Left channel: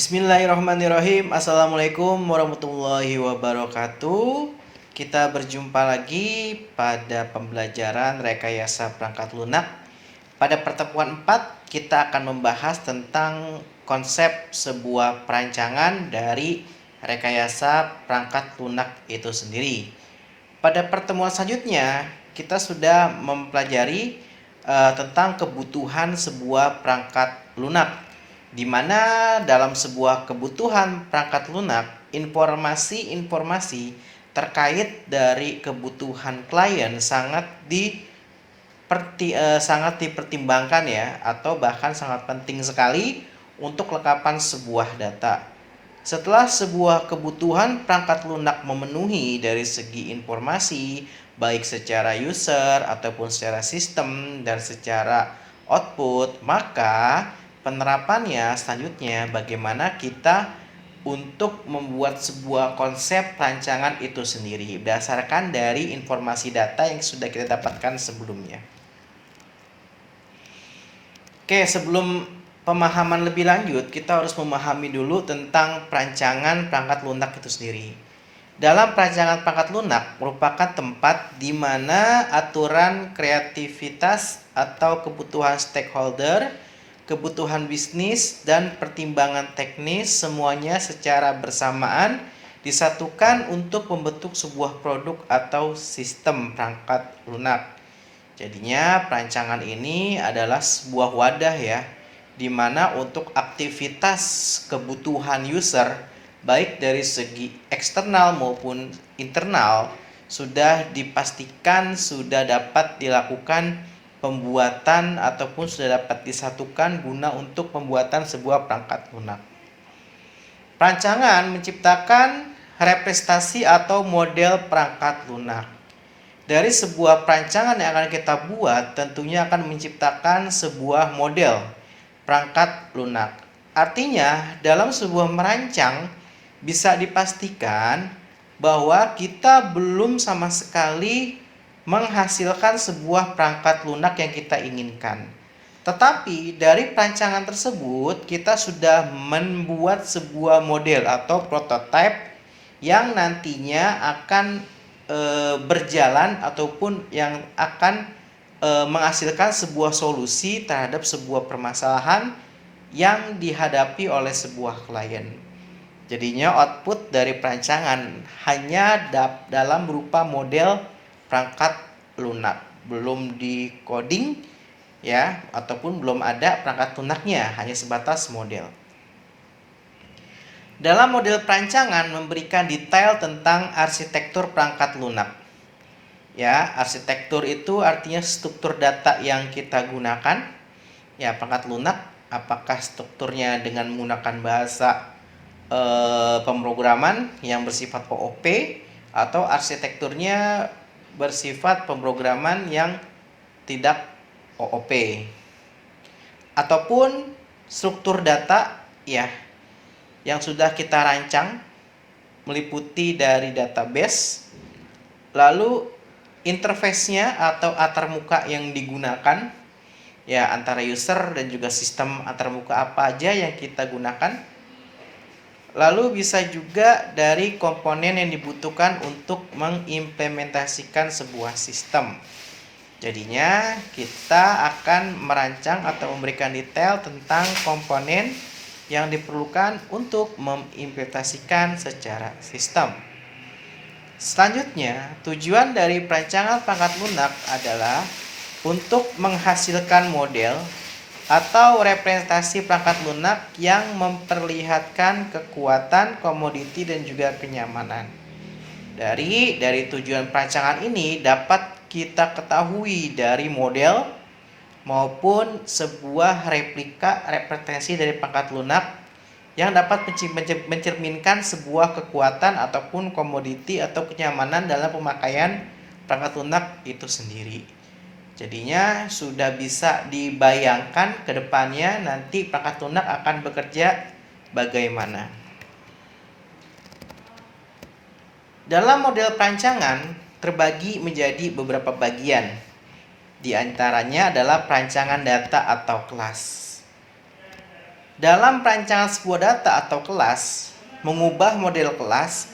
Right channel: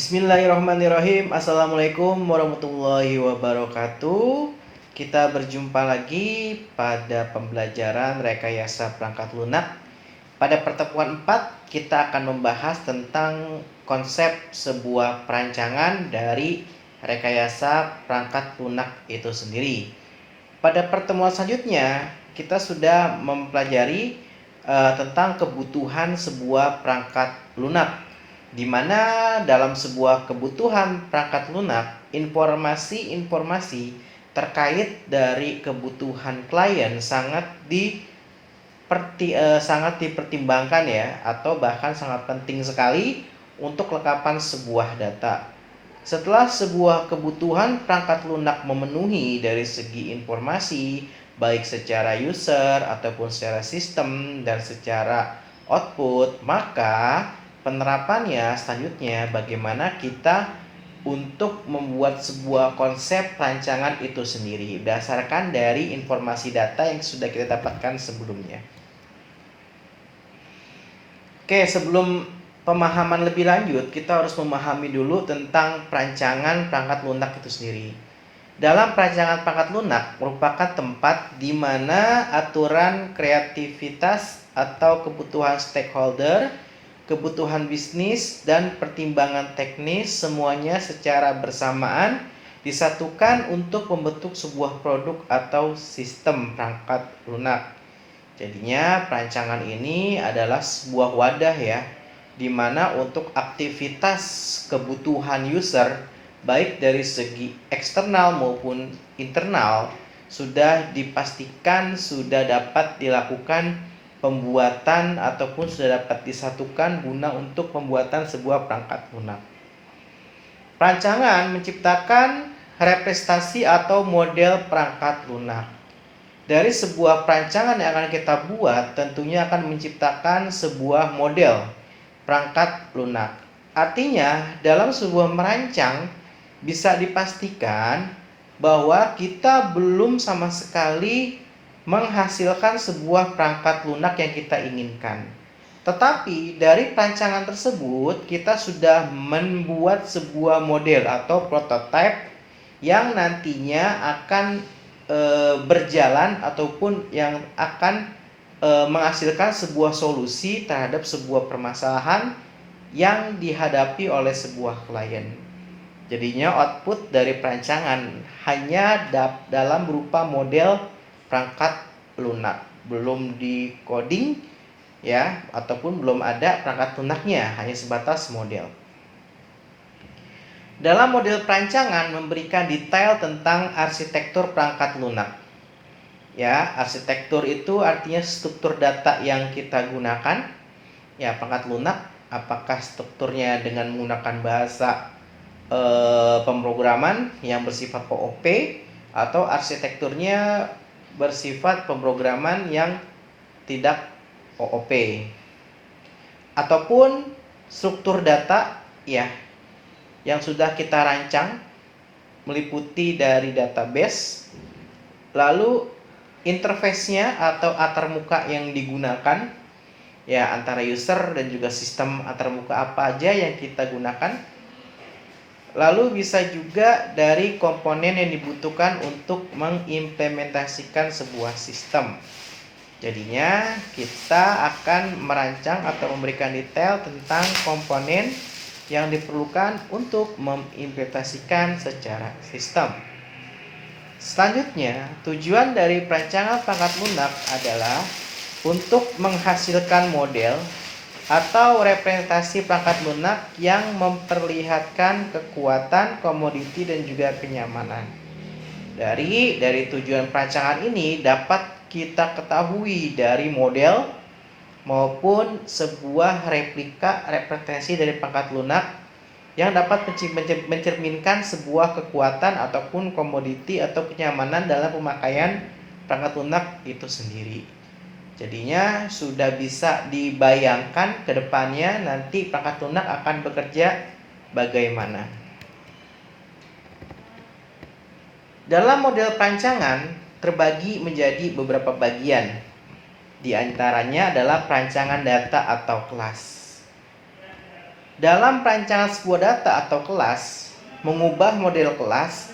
Bismillahirrahmanirrahim. Assalamualaikum warahmatullahi wabarakatuh. Kita berjumpa lagi pada pembelajaran rekayasa perangkat lunak. Pada pertemuan 4 kita akan membahas tentang konsep sebuah perancangan dari rekayasa perangkat lunak itu sendiri. Pada pertemuan selanjutnya kita sudah mempelajari tentang kebutuhan sebuah perangkat lunak, di mana dalam sebuah kebutuhan perangkat lunak, informasi-informasi terkait dari kebutuhan klien sangat dipertimbangkan ya, atau bahkan sangat penting sekali untuk kelengkapan sebuah data. Setelah sebuah kebutuhan perangkat lunak memenuhi dari segi informasi, baik secara user ataupun secara sistem dan secara output, maka penerapannya selanjutnya bagaimana kita untuk membuat sebuah konsep rancangan itu sendiri berdasarkan dari informasi data yang sudah kita dapatkan sebelumnya. Oke, sebelum pemahaman lebih lanjut, kita harus memahami dulu tentang perancangan perangkat lunak itu sendiri. Dalam perancangan perangkat lunak merupakan tempat di mana aturan kreativitas atau kebutuhan stakeholder, kebutuhan bisnis, dan pertimbangan teknis semuanya secara bersamaan disatukan untuk membentuk sebuah produk atau sistem perangkat lunak. Jadinya perancangan ini adalah sebuah wadah ya, di mana untuk aktivitas kebutuhan user baik dari segi eksternal maupun internal sudah dipastikan sudah dapat dilakukan pembuatan ataupun sudah dapat disatukan guna untuk pembuatan sebuah perangkat lunak. Perancangan menciptakan representasi atau model perangkat lunak. Dari sebuah perancangan yang akan kita buat tentunya akan menciptakan sebuah model perangkat lunak. Artinya dalam sebuah merancang bisa dipastikan bahwa kita belum sama sekali menghasilkan sebuah perangkat lunak yang kita inginkan. Tetapi dari perancangan tersebut kita sudah membuat sebuah model atau prototipe yang nantinya akan berjalan ataupun yang akan menghasilkan sebuah solusi terhadap sebuah permasalahan yang dihadapi oleh sebuah klien. Jadinya output dari perancangan hanya dalam berupa model perangkat lunak, belum di coding ya, ataupun belum ada perangkat lunaknya, hanya sebatas model. Dalam model perancangan memberikan detail tentang arsitektur perangkat lunak. Ya, arsitektur itu artinya struktur data yang kita gunakan. Ya, perangkat lunak apakah strukturnya dengan menggunakan bahasa pemrograman yang bersifat OOP atau arsitekturnya bersifat pemrograman yang tidak OOP. Ataupun struktur data ya yang sudah kita rancang meliputi dari database, lalu interface-nya atau antarmuka yang digunakan ya antara user dan juga sistem antarmuka apa aja yang kita gunakan, lalu bisa juga dari komponen yang dibutuhkan untuk mengimplementasikan sebuah sistem. Jadinya kita akan merancang atau memberikan detail tentang komponen yang diperlukan untuk mengimplementasikan secara sistem. Selanjutnya, tujuan dari perancangan perangkat lunak adalah untuk menghasilkan model atau representasi perangkat lunak yang memperlihatkan kekuatan, komoditi, dan juga kenyamanan. Dari tujuan perancangan ini dapat kita ketahui dari model maupun sebuah replika representasi dari perangkat lunak yang dapat mencerminkan sebuah kekuatan ataupun komoditi atau kenyamanan dalam pemakaian perangkat lunak itu sendiri. Jadinya sudah bisa dibayangkan ke depannya nanti perangkat lunak akan bekerja bagaimana. Dalam model perancangan terbagi menjadi beberapa bagian. Di antaranya adalah perancangan data atau kelas. Dalam perancangan sebuah data atau kelas, mengubah model kelas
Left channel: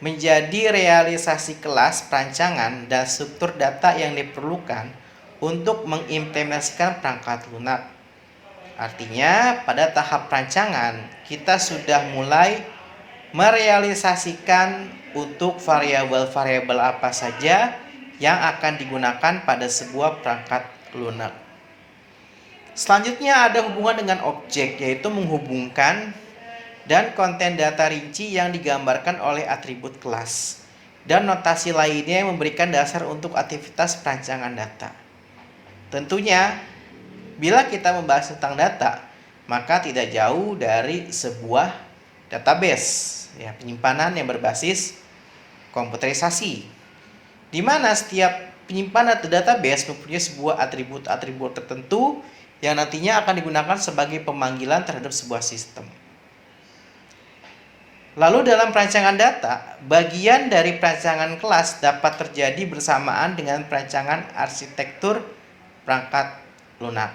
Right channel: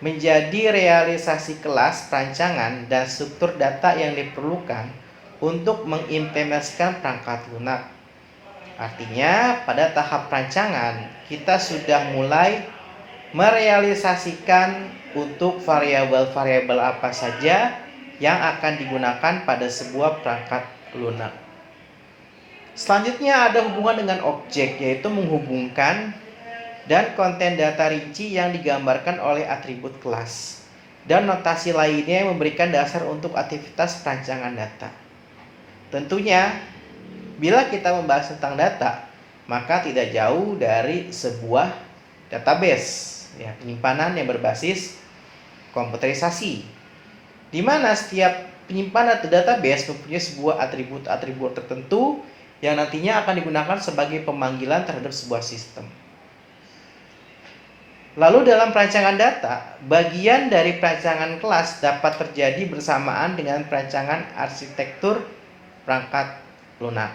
menjadi realisasi kelas, perancangan, dan struktur data yang diperlukan untuk mengimplementasikan perangkat lunak. Artinya, pada tahap perancangan, kita sudah mulai merealisasikan untuk variabel-variabel apa saja yang akan digunakan pada sebuah perangkat lunak. Selanjutnya ada hubungan dengan objek, yaitu menghubungkan dan konten data rinci yang digambarkan oleh atribut kelas, dan notasi lainnya yang memberikan dasar untuk aktivitas perancangan data. Tentunya, bila kita membahas tentang data, maka tidak jauh dari sebuah database, ya, penyimpanan yang berbasis komputerisasi, di mana setiap penyimpanan atau database mempunyai sebuah atribut-atribut tertentu yang nantinya akan digunakan sebagai pemanggilan terhadap sebuah sistem. Lalu dalam perancangan data, bagian dari perancangan kelas dapat terjadi bersamaan dengan perancangan arsitektur perangkat lunak.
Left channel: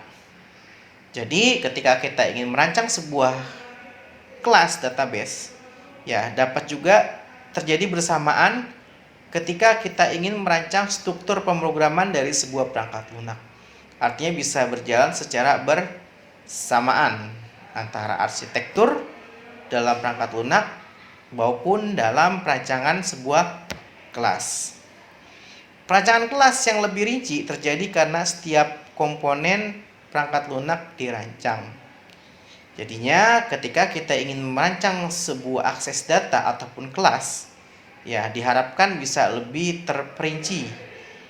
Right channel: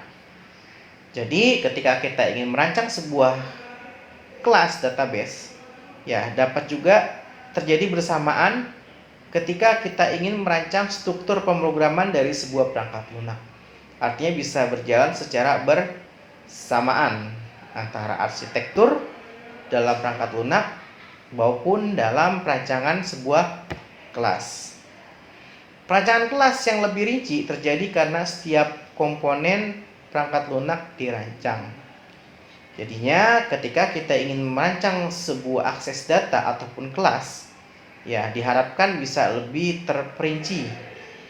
Jadi ketika kita ingin merancang sebuah kelas database, ya dapat juga terjadi bersamaan ketika kita ingin merancang struktur pemrograman dari sebuah perangkat lunak. Artinya bisa berjalan secara bersamaan antara arsitektur dalam perangkat lunak maupun dalam perancangan sebuah kelas. Perancangan kelas yang lebih rinci terjadi karena setiap komponen perangkat lunak dirancang. Jadinya ketika kita ingin merancang sebuah akses data ataupun kelas, ya diharapkan bisa lebih terperinci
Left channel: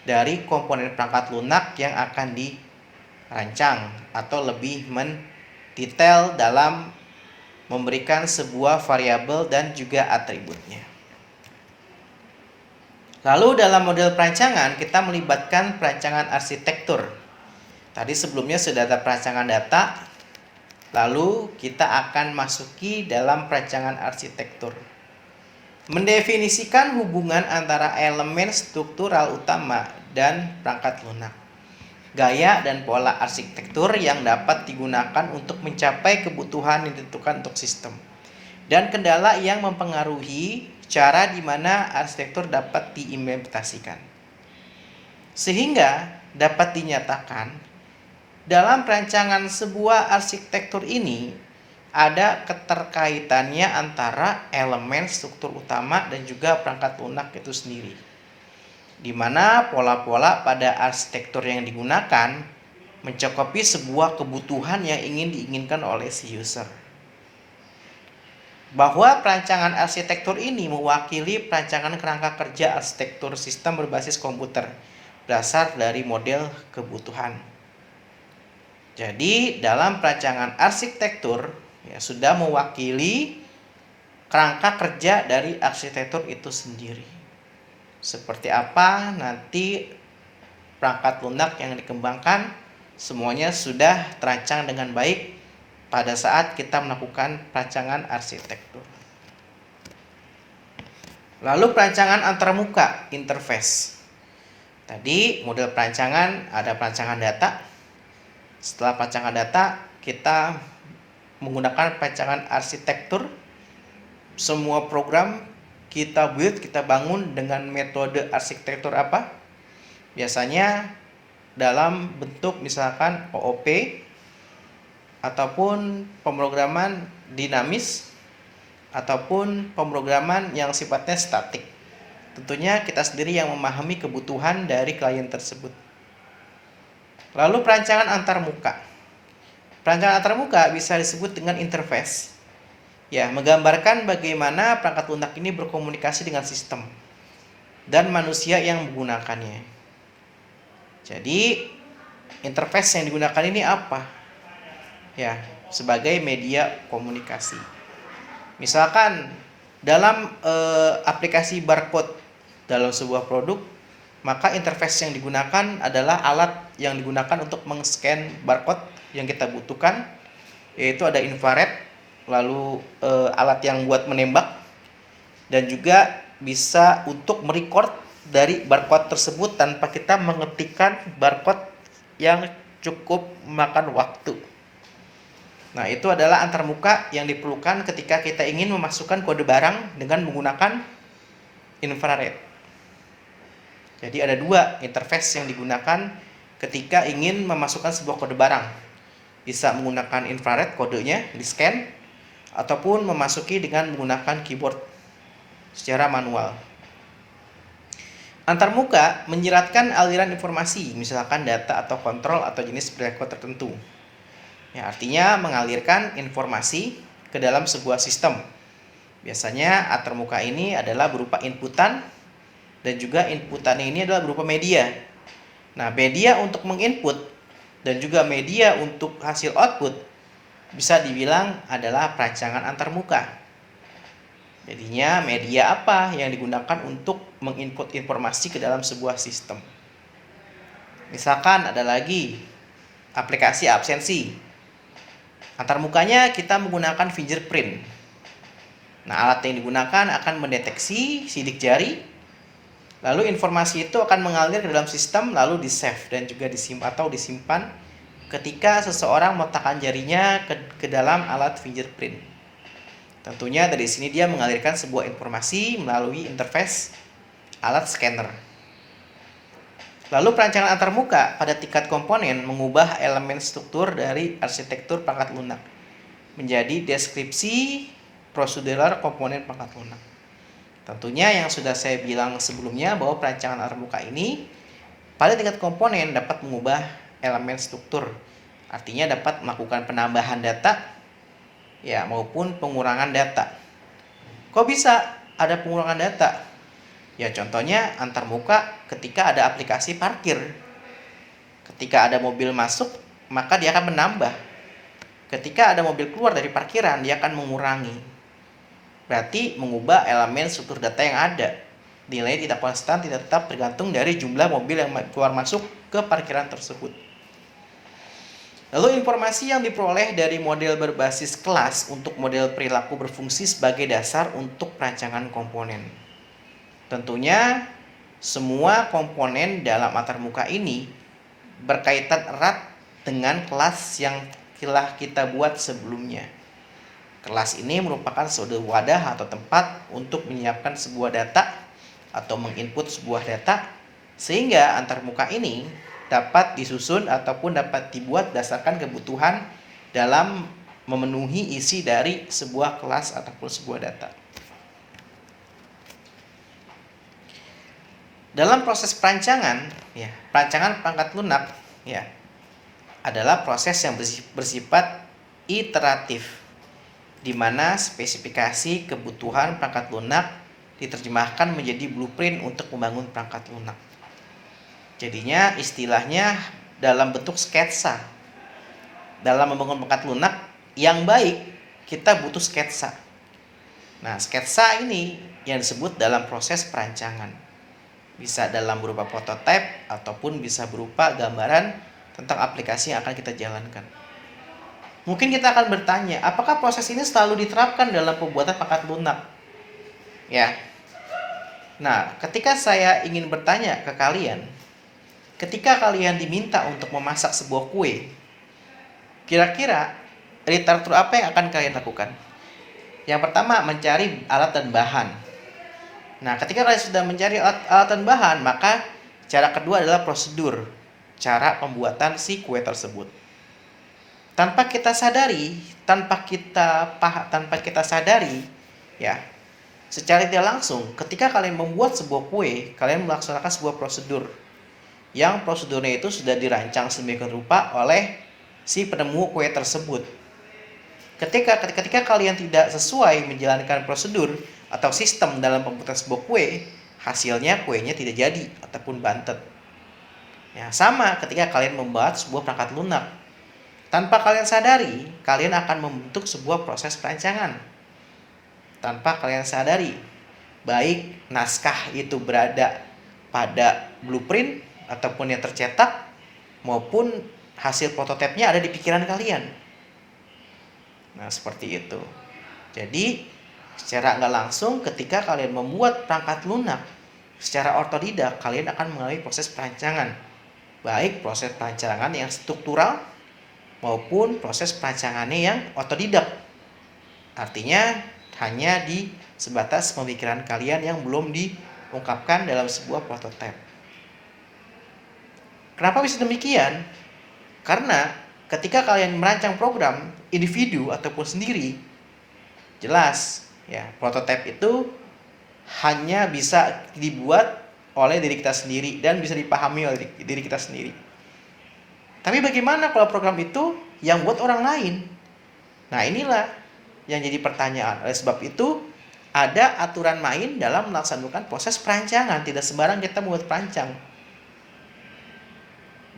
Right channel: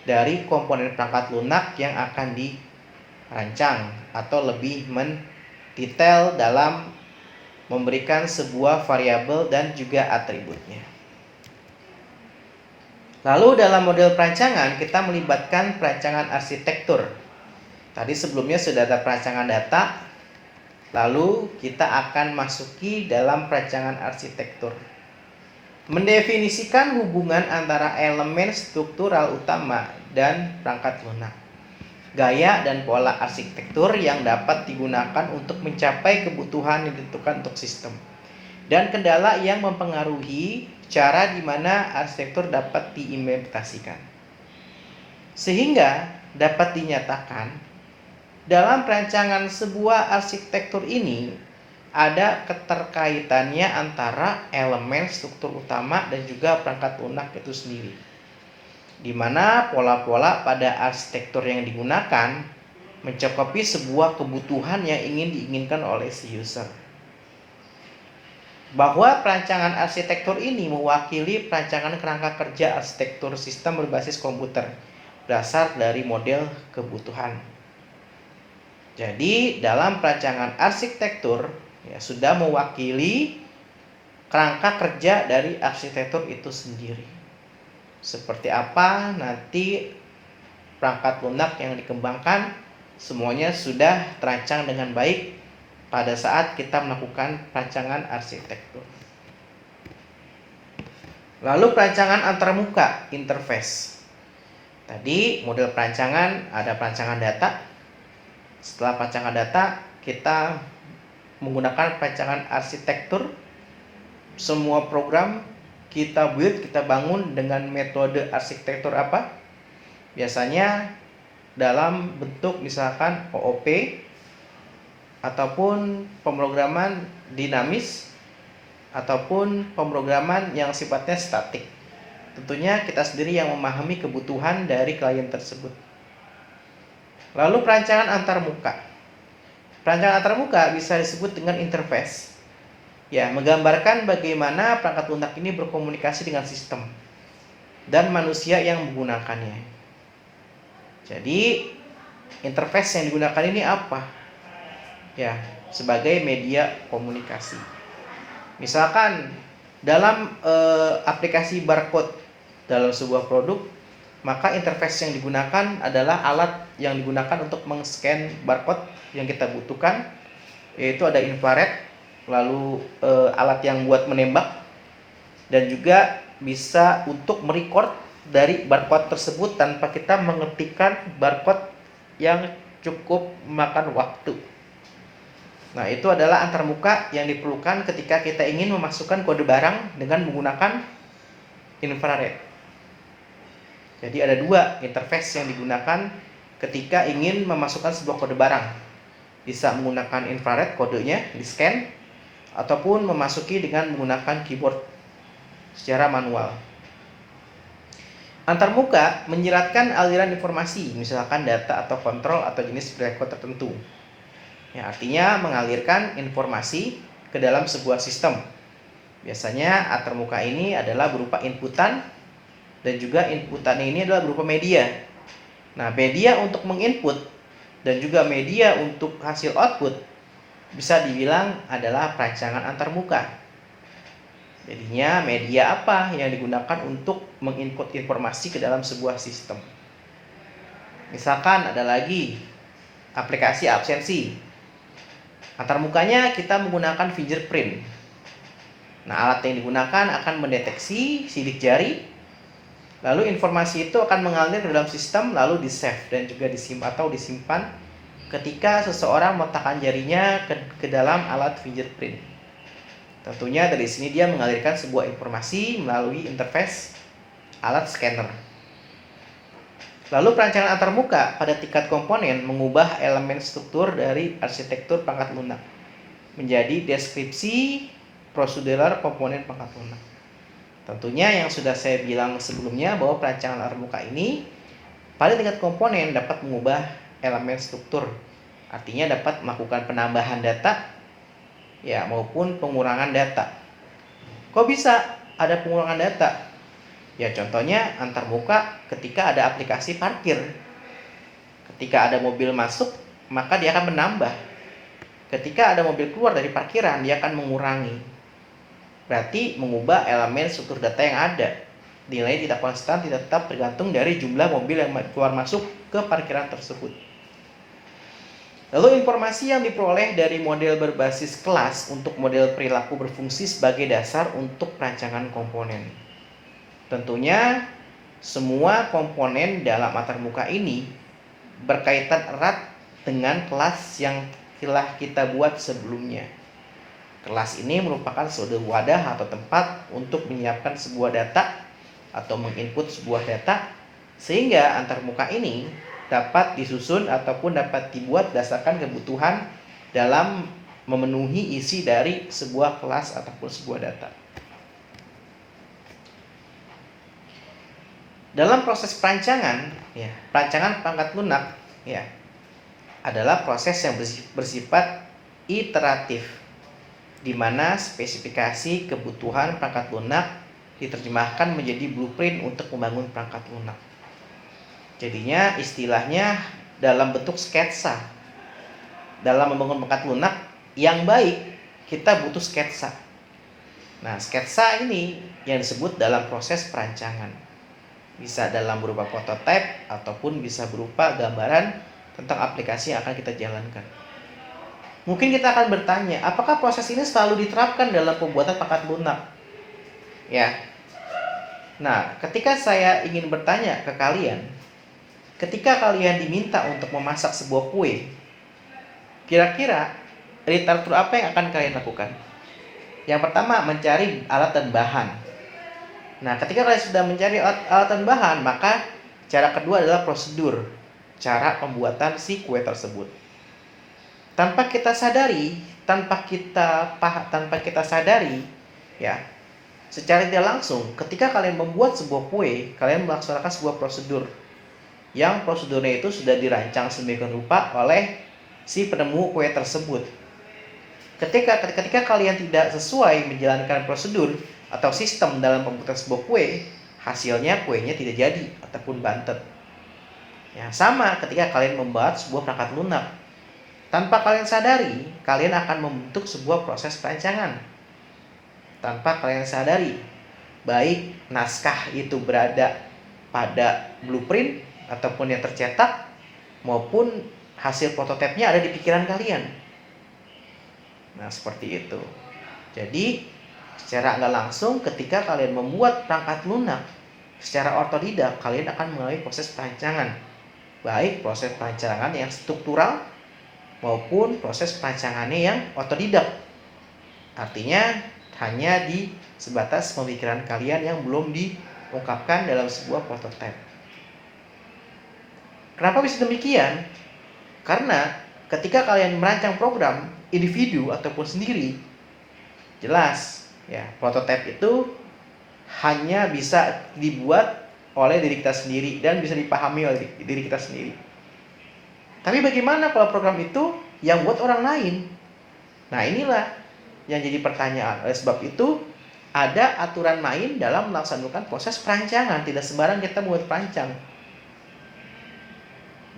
dari komponen perangkat lunak yang akan dirancang atau lebih mendetail dalam memberikan sebuah variabel dan juga atributnya. Lalu dalam model perancangan kita melibatkan perancangan arsitektur. Tadi sebelumnya sudah ada perancangan data, lalu kita akan masuki dalam perancangan arsitektur. Mendefinisikan hubungan antara elemen struktural utama dan perangkat lunak, gaya dan pola arsitektur yang dapat digunakan untuk mencapai kebutuhan yang ditentukan untuk sistem, dan kendala yang mempengaruhi cara di mana arsitektur dapat diimplementasikan. Sehingga dapat dinyatakan dalam perancangan sebuah arsitektur ini ada keterkaitannya antara elemen struktur utama dan juga perangkat lunak itu sendiri, di mana pola-pola pada arsitektur yang digunakan mencakupi sebuah kebutuhan yang ingin diinginkan oleh si user. Bahwa perancangan arsitektur ini mewakili perancangan kerangka kerja arsitektur sistem berbasis komputer dasar dari model kebutuhan. Jadi dalam perancangan arsitektur ya sudah mewakili kerangka kerja dari arsitektur itu sendiri. Seperti apa nanti perangkat lunak yang dikembangkan, semuanya sudah terancang dengan baik pada saat kita melakukan perancangan arsitektur. Lalu perancangan antarmuka, interface. Tadi model perancangan ada perancangan data. Setelah perancangan data, kita menggunakan perancangan arsitektur. Semua program kita build, kita bangun dengan metode arsitektur apa? Biasanya dalam bentuk misalkan OOP ataupun pemrograman dinamis ataupun pemrograman yang sifatnya statik. Tentunya kita sendiri yang memahami kebutuhan dari klien tersebut. Lalu perancangan antarmuka. Perancangan antarmuka bisa disebut dengan interface. Ya, menggambarkan bagaimana perangkat lunak ini berkomunikasi dengan sistem dan manusia yang menggunakannya. Jadi, interface yang digunakan ini apa? Ya, sebagai media komunikasi. Misalkan dalam aplikasi barcode dalam sebuah produk, maka interface yang digunakan adalah alat yang digunakan untuk meng-scan barcode yang kita butuhkan, yaitu ada infrared, lalu alat yang buat menembak, dan juga bisa untuk merecord dari barcode tersebut tanpa kita mengetikkan barcode yang cukup memakan waktu. Nah, itu adalah antarmuka yang diperlukan ketika kita ingin memasukkan kode barang dengan menggunakan infrared. Jadi ada dua interface yang digunakan ketika ingin memasukkan sebuah kode barang. Bisa menggunakan infrared kodenya di scan, ataupun memasuki dengan menggunakan keyboard secara manual. Antarmuka menyiratkan aliran informasi, misalkan data atau kontrol atau jenis berikut tertentu. Ya, artinya mengalirkan informasi ke dalam sebuah sistem. Biasanya antarmuka ini adalah berupa inputan, dan juga inputan ini adalah berupa media. Nah, media untuk menginput dan juga media untuk hasil output bisa dibilang adalah perancangan antarmuka. Jadinya media apa yang digunakan untuk menginput informasi ke dalam sebuah sistem. Misalkan ada lagi aplikasi absensi. Antarmukanya kita menggunakan fingerprint. Nah, alat yang digunakan akan mendeteksi sidik jari, lalu informasi itu akan mengalir ke dalam sistem, lalu di-save dan juga disimpan ketika seseorang meletakkan jarinya ke dalam alat fingerprint. Tentunya dari sini dia mengalirkan sebuah informasi melalui interface alat scanner. Lalu perancangan antarmuka pada tingkat komponen mengubah elemen struktur dari arsitektur perangkat lunak menjadi deskripsi prosedural komponen perangkat lunak. Tentunya yang sudah saya bilang sebelumnya bahwa perancangan antarmuka ini pada tingkat komponen dapat mengubah elemen struktur. Artinya dapat melakukan penambahan data ya maupun pengurangan data. Kok bisa ada pengurangan data? Ya contohnya antarmuka ketika ada aplikasi parkir. Ketika ada mobil masuk, maka dia akan menambah. Ketika ada mobil keluar dari parkiran, dia akan mengurangi. Berarti mengubah elemen struktur data yang ada. Nilai tidak konstan, tidak tetap tergantung dari jumlah mobil yang keluar masuk ke parkiran tersebut. Lalu informasi yang diperoleh dari model berbasis kelas untuk model perilaku berfungsi sebagai dasar untuk perancangan komponen. Tentunya semua komponen dalam antarmuka ini berkaitan erat dengan kelas yang telah kita buat sebelumnya. Kelas ini merupakan suatu wadah atau tempat untuk menyiapkan sebuah data atau menginput sebuah data, sehingga antarmuka ini dapat disusun ataupun dapat dibuat berdasarkan kebutuhan dalam memenuhi isi dari sebuah kelas ataupun sebuah data. Dalam proses perancangan, perancangan perangkat lunak, adalah proses yang bersifat iteratif, di mana spesifikasi kebutuhan perangkat lunak diterjemahkan menjadi blueprint untuk membangun perangkat lunak. Jadinya istilahnya dalam bentuk sketsa. Dalam membangun perangkat lunak yang baik, kita butuh sketsa. Nah, sketsa ini yang disebut dalam proses perancangan. Bisa dalam berupa prototipe ataupun bisa berupa gambaran tentang aplikasi yang akan kita jalankan. Mungkin kita akan bertanya, apakah proses ini selalu diterapkan dalam pembuatan perangkat lunak? Ya. Nah, ketika saya ingin bertanya ke kalian, ketika kalian diminta untuk memasak sebuah kue, kira-kira literatur apa yang akan kalian lakukan? Yang pertama, mencari alat dan bahan. Nah, ketika kalian sudah mencari alat dan bahan, maka cara kedua adalah prosedur, cara pembuatan si kue tersebut. Tanpa kita sadari, secara tidak langsung, ketika kalian membuat sebuah kue, kalian melaksanakan sebuah prosedur. Yang prosedurnya itu sudah dirancang sedemikian rupa oleh si penemu kue tersebut. Ketika kalian tidak sesuai menjalankan prosedur atau sistem dalam pembuatan sebuah kue, hasilnya kuenya tidak jadi ataupun bantet. Ya, sama ketika kalian membuat sebuah perangkat lunak. Tanpa kalian sadari, kalian akan membentuk sebuah proses perancangan. Tanpa kalian sadari, baik naskah itu berada pada blueprint ataupun yang tercetak, maupun hasil prototipenya ada di pikiran kalian. Nah, seperti itu. Jadi secara nggak langsung ketika kalian membuat perangkat lunak secara otodidak, kalian akan mengalami proses perancangan. Baik proses perancangan yang struktural maupun proses perancangannya yang otodidak. Artinya hanya di sebatas pemikiran kalian yang belum diungkapkan dalam sebuah prototipe. Kenapa bisa demikian? Karena ketika kalian merancang program individu ataupun sendiri, jelas ya, prototipe itu hanya bisa dibuat oleh diri kita sendiri dan bisa dipahami oleh diri kita sendiri. Tapi bagaimana kalau program itu yang buat orang lain? Nah, inilah yang jadi pertanyaan. Oleh sebab itu, ada aturan main dalam melaksanakan proses perancangan. Tidak sembarang kita membuat perancang.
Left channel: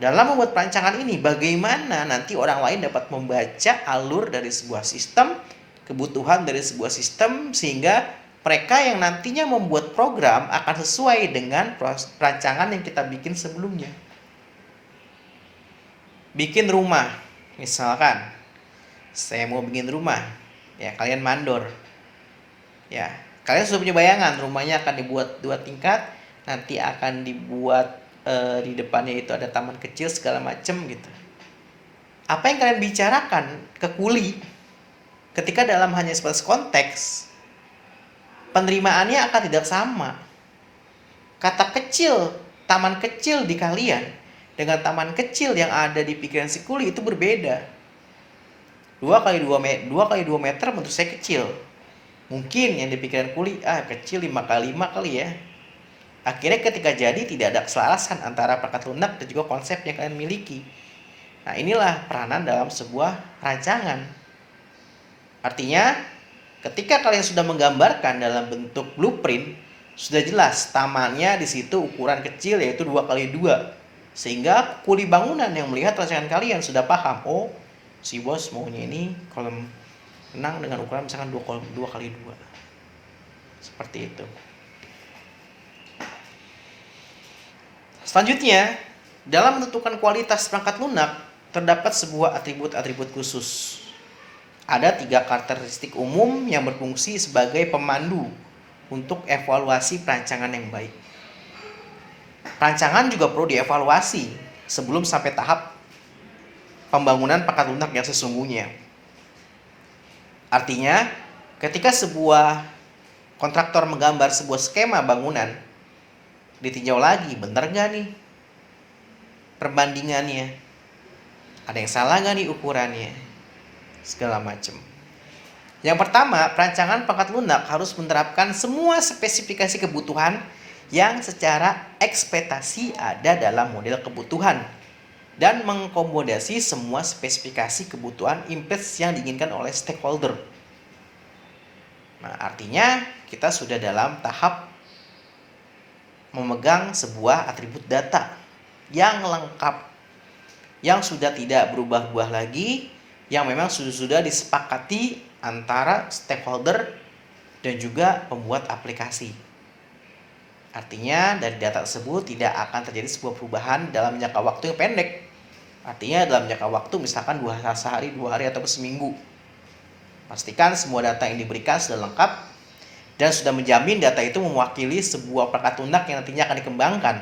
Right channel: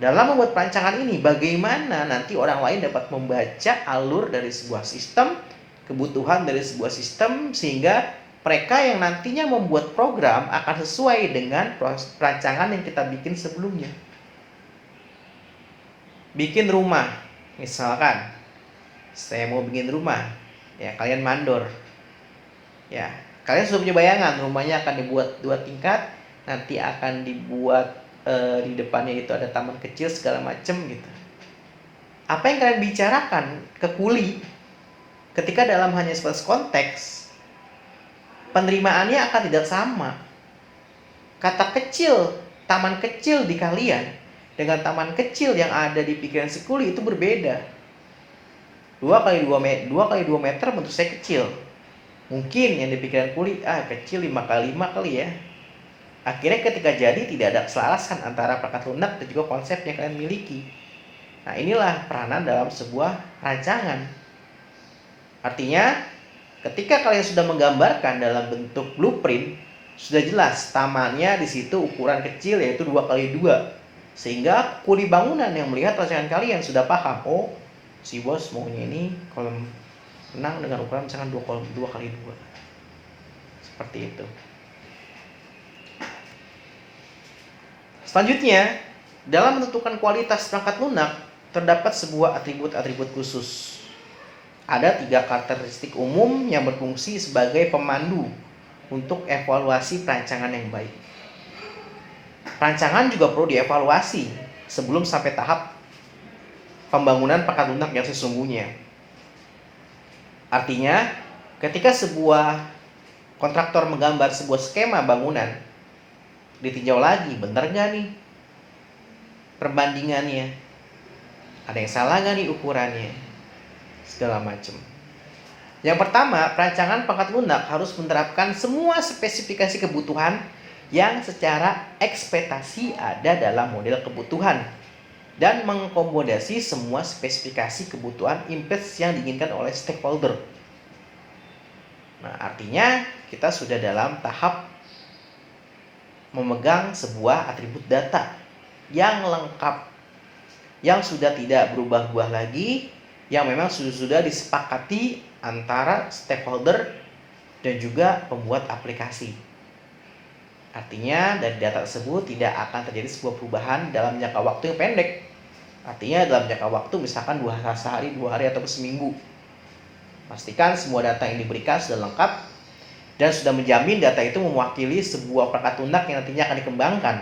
Dalam membuat perancangan ini, bagaimana nanti orang lain dapat membaca alur dari sebuah sistem, kebutuhan dari sebuah sistem, sehingga mereka yang nantinya membuat program akan sesuai dengan perancangan yang kita bikin sebelumnya. Bikin rumah, misalkan saya mau bikin rumah, ya kalian mandor, ya kalian sudah punya bayangan rumahnya akan dibuat 2 tingkat, nanti akan dibuat di depannya itu ada taman kecil segala macem gitu. Apa yang kalian bicarakan ke kuli ketika dalam hanya sebatas konteks, penerimaannya akan tidak sama. Kata kecil, taman kecil di kalian dengan taman kecil yang ada di pikiran si kuli itu berbeda. 2 kali 2 meter menurut saya kecil. Mungkin yang di pikiran kuli, kecil 5 kali 5 kali ya. Akhirnya ketika jadi tidak ada keselarasan antara perangkat lunak dan juga konsep yang kalian miliki. Nah, inilah peranan dalam sebuah rancangan. Artinya, ketika kalian sudah menggambarkan dalam bentuk blueprint, sudah jelas tamannya di situ ukuran kecil yaitu 2 kali 2. Sehingga kuli bangunan yang melihat rancangan kalian sudah paham, oh si bos maunya ini kolam renang dengan ukuran misalkan 2 kali 2. Seperti itu. Selanjutnya, dalam menentukan kualitas perangkat lunak, terdapat sebuah atribut-atribut khusus. Ada 3 karakteristik umum yang berfungsi sebagai pemandu untuk evaluasi perancangan yang baik. Perancangan juga perlu dievaluasi sebelum sampai tahap pembangunan perangkat lunak yang sesungguhnya. Artinya, ketika sebuah kontraktor menggambar sebuah skema bangunan, ditinjau lagi, benar nggak nih perbandingannya? Ada yang salah nggak nih ukurannya? Segala macam. Yang pertama, perancangan perangkat lunak harus menerapkan semua spesifikasi kebutuhan yang secara ekspektasi ada dalam model kebutuhan dan mengakomodasi semua spesifikasi kebutuhan impres yang diinginkan oleh stakeholder. Nah, artinya kita sudah dalam tahap memegang sebuah atribut data yang lengkap, yang sudah tidak berubah-ubah lagi, yang memang sudah disepakati antara stakeholder dan juga pembuat aplikasi. Artinya dari data tersebut tidak akan terjadi sebuah perubahan dalam jangka waktu yang pendek. Artinya dalam jangka waktu misalkan 2 hari, 2 hari atau seminggu. Pastikan semua data yang diberikan sudah lengkap dan sudah menjamin data itu mewakili sebuah perangkat lunak yang nantinya akan dikembangkan.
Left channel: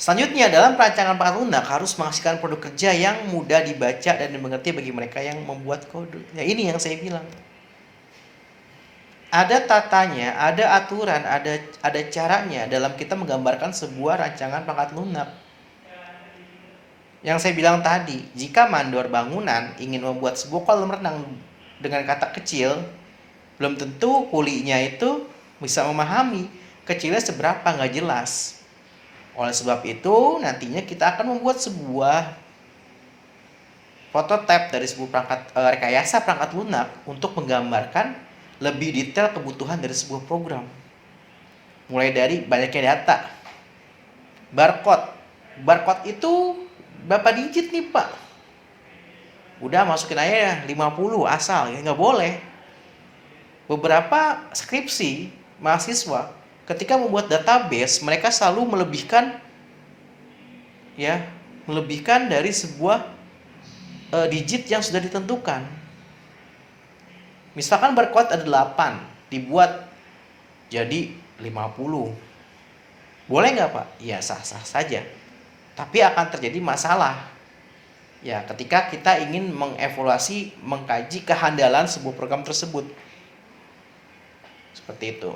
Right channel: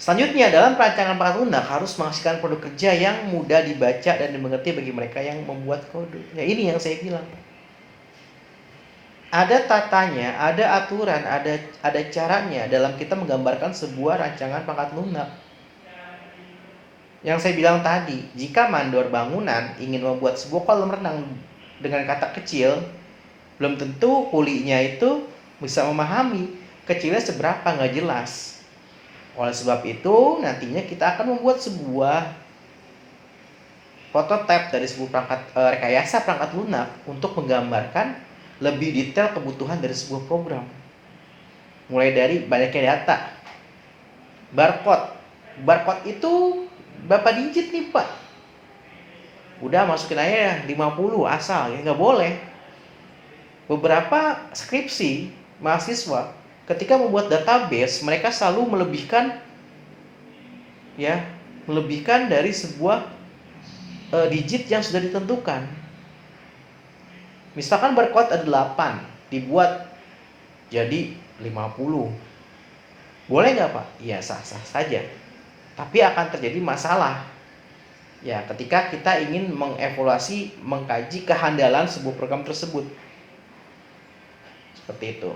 Selanjutnya, dalam perancangan perangkat lunak harus menghasilkan produk kerja yang mudah dibaca dan dimengerti bagi mereka yang membuat kode. Ya, ini yang saya bilang. Ada tatanya, ada aturan, ada caranya dalam kita menggambarkan sebuah rancangan perangkat lunak. Yang saya bilang tadi, jika mandor bangunan ingin membuat sebuah kolam renang dengan kata kecil, belum tentu kulinya itu bisa memahami kecilnya seberapa, nggak jelas. Oleh sebab itu, nantinya kita akan membuat sebuah prototipe dari sebuah rekayasa perangkat lunak untuk menggambarkan lebih detail kebutuhan dari sebuah program. Mulai dari banyaknya data. Barcode itu berapa digit nih Pak? Udah masukin aja 50 asal, ya nggak boleh. Beberapa skripsi mahasiswa ketika membuat database, mereka selalu melebihkan dari sebuah digit yang sudah ditentukan. Misalkan barcode ada 8, dibuat jadi 50. Boleh nggak Pak? Ya sah-sah saja. Tapi akan terjadi masalah. Ya, ketika kita ingin mengevaluasi, mengkaji kehandalan sebuah program tersebut. Seperti itu.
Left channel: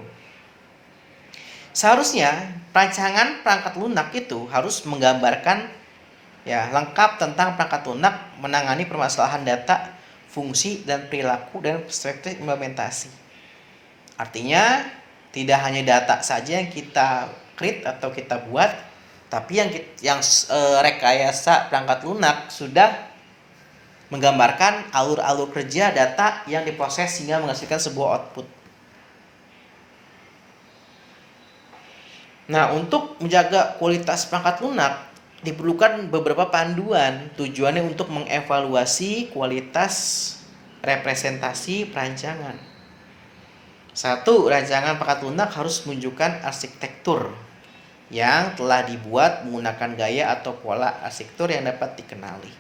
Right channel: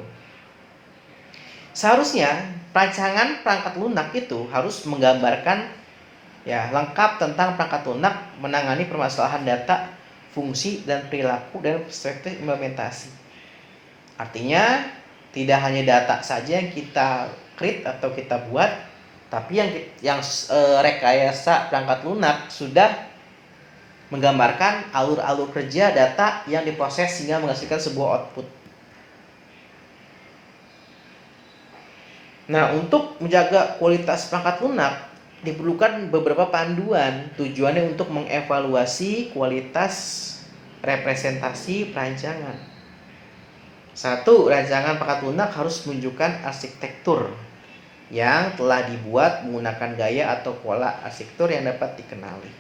Seharusnya rancangan perangkat lunak itu harus menggambarkan ya lengkap tentang perangkat lunak menangani permasalahan data, fungsi dan perilaku dan perspektif implementasi. Artinya tidak hanya data saja yang kita create atau kita buat, tapi yang rekayasa perangkat lunak sudah menggambarkan alur-alur kerja data yang diproses sehingga menghasilkan sebuah output. Nah, untuk menjaga kualitas perangkat lunak diperlukan beberapa panduan tujuannya untuk mengevaluasi kualitas representasi perancangan. Satu, rancangan perangkat lunak harus menunjukkan arsitektur yang telah dibuat menggunakan gaya atau pola arsitektur yang dapat dikenali.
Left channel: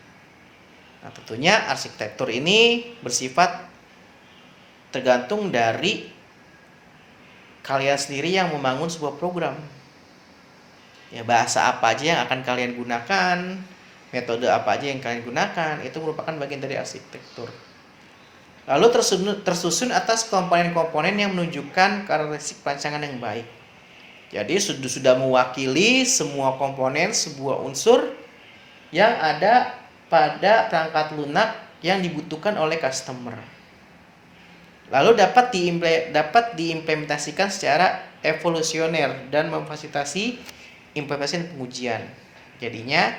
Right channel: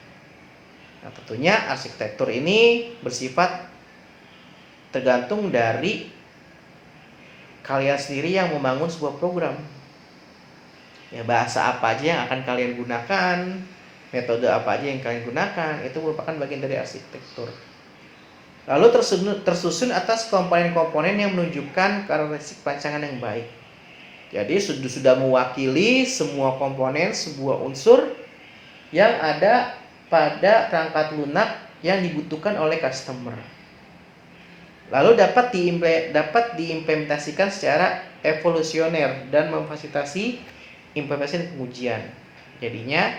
Nah, tentunya arsitektur ini bersifat tergantung dari kalian sendiri yang membangun sebuah program. Ya, bahasa apa aja yang akan kalian gunakan, metode apa aja yang kalian gunakan, itu merupakan bagian dari arsitektur. Lalu tersusun atas komponen-komponen yang menunjukkan karakteristik perancangan yang baik. Jadi sudah mewakili semua komponen sebuah unsur yang ada pada perangkat lunak yang dibutuhkan oleh customer. Lalu dapat diimplementasikan secara evolusioner dan memfasilitasi implementasi pengujian. Jadinya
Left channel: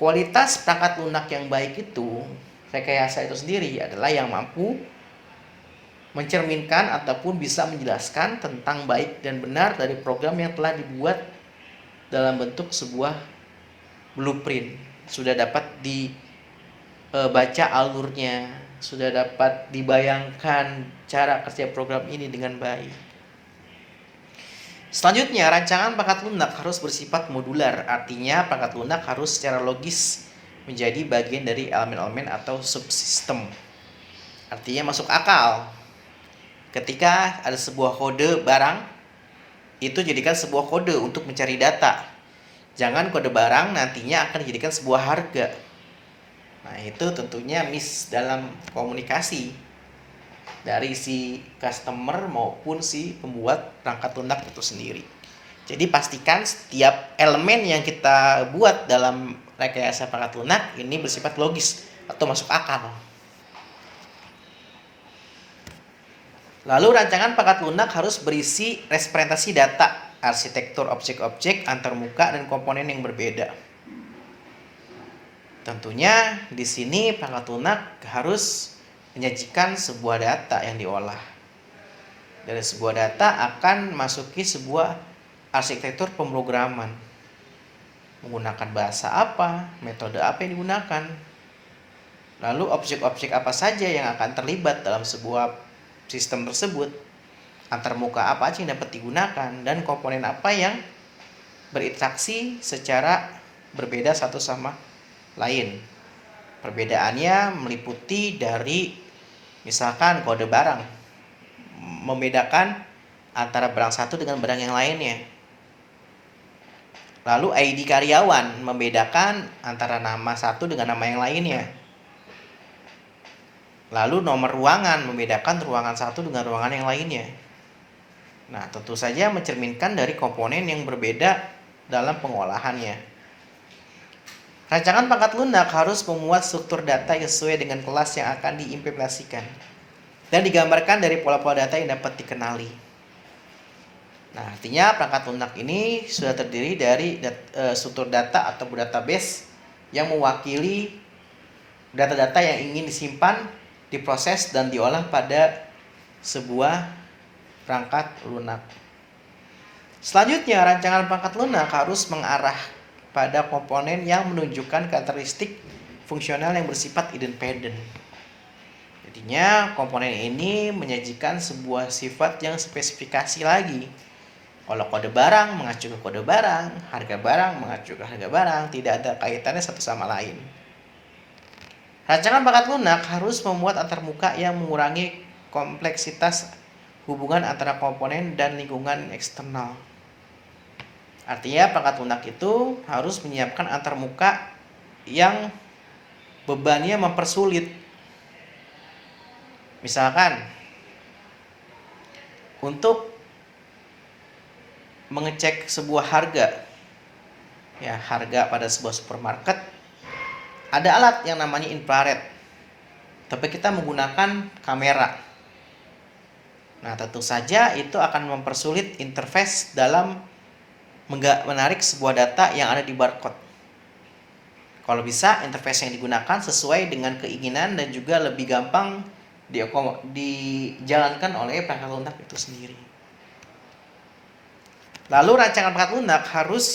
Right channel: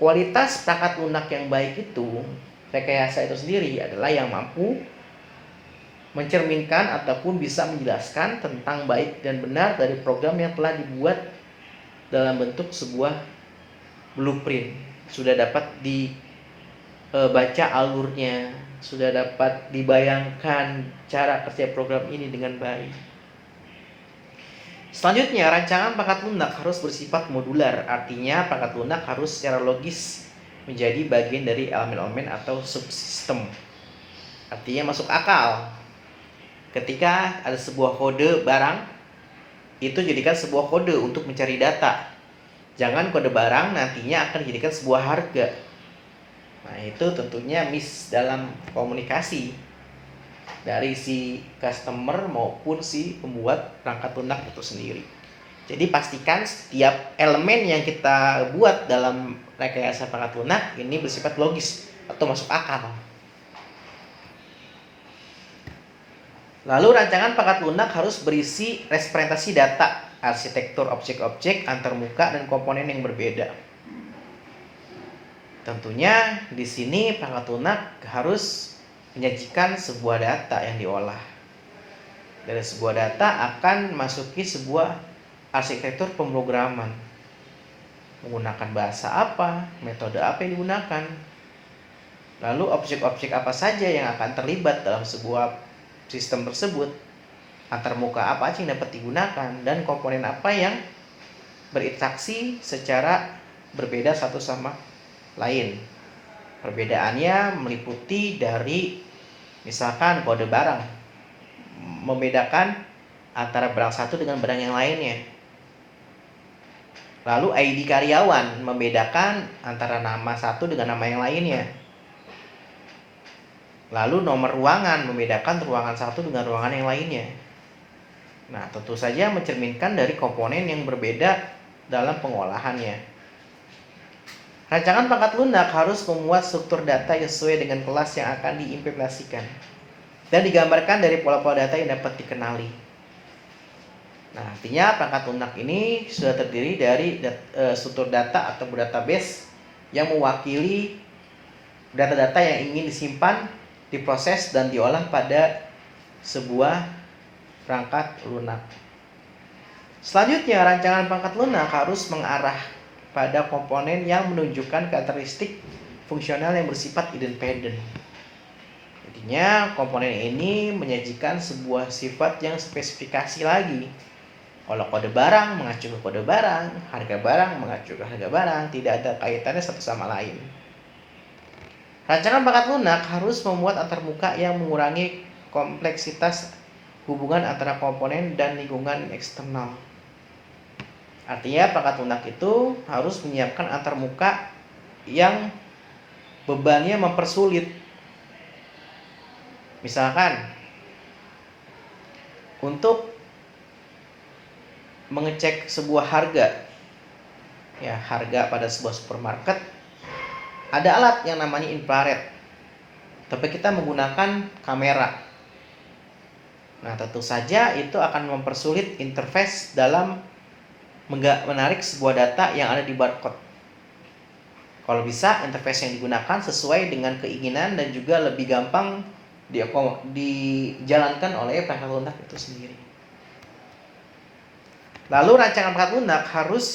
kualitas perangkat lunak yang baik itu, rekayasa itu sendiri adalah yang mampu mencerminkan ataupun bisa menjelaskan tentang baik dan benar dari program yang telah dibuat dalam bentuk sebuah blueprint. Sudah dapat dibaca alurnya, sudah dapat dibayangkan cara kerja program ini dengan baik. Selanjutnya, rancangan perangkat lunak harus bersifat modular. Artinya, perangkat lunak harus secara logis menjadi bagian dari elemen-elemen atau subsistem. Artinya masuk akal. Ketika ada sebuah kode barang, itu jadikan sebuah kode untuk mencari data. Jangan kode barang nantinya akan dijadikan sebuah harga. Nah, itu tentunya miss dalam komunikasi dari si customer maupun si pembuat perangkat lunak itu sendiri. Jadi pastikan setiap elemen yang kita buat dalam rekayasa perangkat lunak ini bersifat logis atau masuk akal. Lalu rancangan perangkat lunak harus berisi representasi data, arsitektur objek-objek antarmuka dan komponen yang berbeda. Tentunya di sini perangkat lunak harus menyajikan sebuah data yang diolah. Dari sebuah data akan masuki sebuah arsitektur pemrograman. Menggunakan bahasa apa, metode apa yang digunakan. Lalu objek-objek apa saja yang akan terlibat dalam sebuah sistem tersebut. Antarmuka apa aja yang dapat digunakan dan komponen apa yang berinteraksi secara berbeda satu sama lain. Perbedaannya meliputi dari misalkan kode barang, membedakan antara barang satu dengan barang yang lainnya. Lalu ID karyawan, membedakan antara nama satu dengan nama yang lainnya. Lalu nomor ruangan, membedakan ruangan satu dengan ruangan yang lainnya. Nah, tentu saja mencerminkan dari komponen yang berbeda dalam pengolahannya. Rancangan perangkat lunak harus memuat struktur data yang sesuai dengan kelas yang akan diimplementasikan dan digambarkan dari pola-pola data yang dapat dikenali. Nah, artinya perangkat lunak ini sudah terdiri dari struktur data atau database yang mewakili data-data yang ingin disimpan, diproses, dan diolah pada sebuah perangkat lunak. Selanjutnya, rancangan perangkat lunak harus mengarah pada komponen yang menunjukkan karakteristik fungsional yang bersifat independen. Jadinya komponen ini menyajikan sebuah sifat yang spesifikasi lagi. Kalau kode barang mengacu ke kode barang, harga barang mengacu ke harga barang, tidak ada kaitannya satu sama lain. Rancangan perangkat lunak harus memuat antarmuka yang mengurangi kompleksitas hubungan antara komponen dan lingkungan eksternal. Artinya perangkat lunak itu harus menyiapkan antarmuka yang bebannya mempersulit. Misalkan untuk mengecek sebuah harga, ya harga pada sebuah supermarket, ada alat yang namanya infrared, tapi kita menggunakan kamera. Nah, tentu saja itu akan mempersulit interface dalam menarik sebuah data yang ada di barcode. Kalau bisa, interface yang digunakan sesuai dengan keinginan dan juga lebih gampang dijalankan oleh perangkat lunak itu sendiri. Lalu rancangan perangkat lunak harus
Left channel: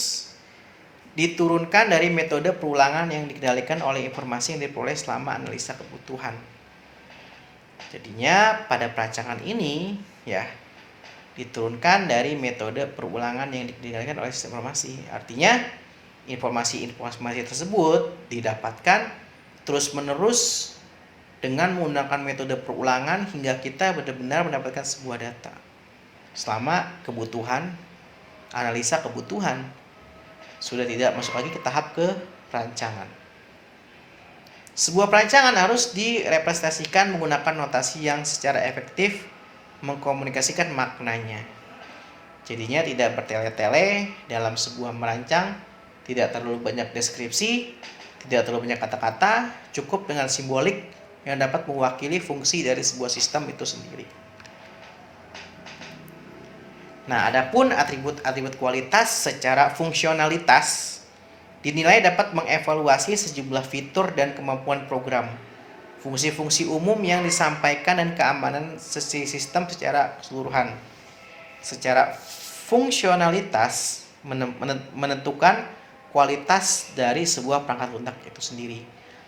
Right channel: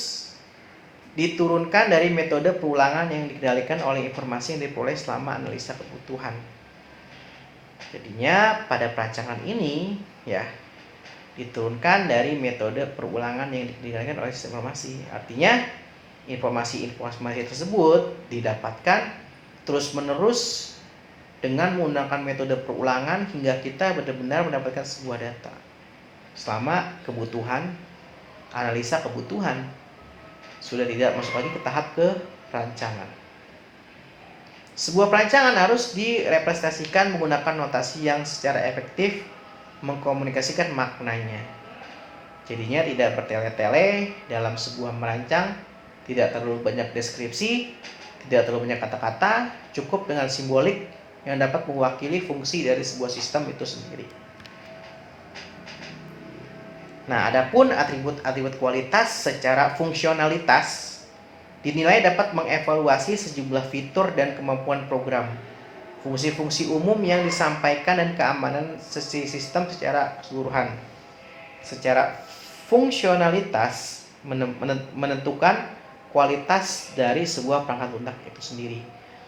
diturunkan dari metode perulangan yang dikendalikan oleh informasi yang diperoleh selama analisa kebutuhan. Jadinya pada perancangan ini ya diturunkan dari metode perulangan yang dikendalikan oleh sistem informasi. Artinya informasi tersebut didapatkan terus-menerus dengan menggunakan metode perulangan hingga kita benar-benar mendapatkan sebuah data selama analisa kebutuhan sudah tidak masuk lagi ke tahap ke perancangan. Sebuah perancangan harus direpresentasikan menggunakan notasi yang secara efektif mengkomunikasikan maknanya. Jadinya tidak bertele-tele dalam sebuah merancang, tidak terlalu banyak deskripsi, tidak terlalu banyak kata-kata, cukup dengan simbolik yang dapat mewakili fungsi dari sebuah sistem itu sendiri. Nah, adapun atribut-atribut kualitas secara fungsionalitas dinilai dapat mengevaluasi sejumlah fitur dan kemampuan program, fungsi-fungsi umum yang disampaikan dan keamanan sistem secara keseluruhan. Secara fungsionalitas menentukan kualitas dari sebuah perangkat lunak itu sendiri.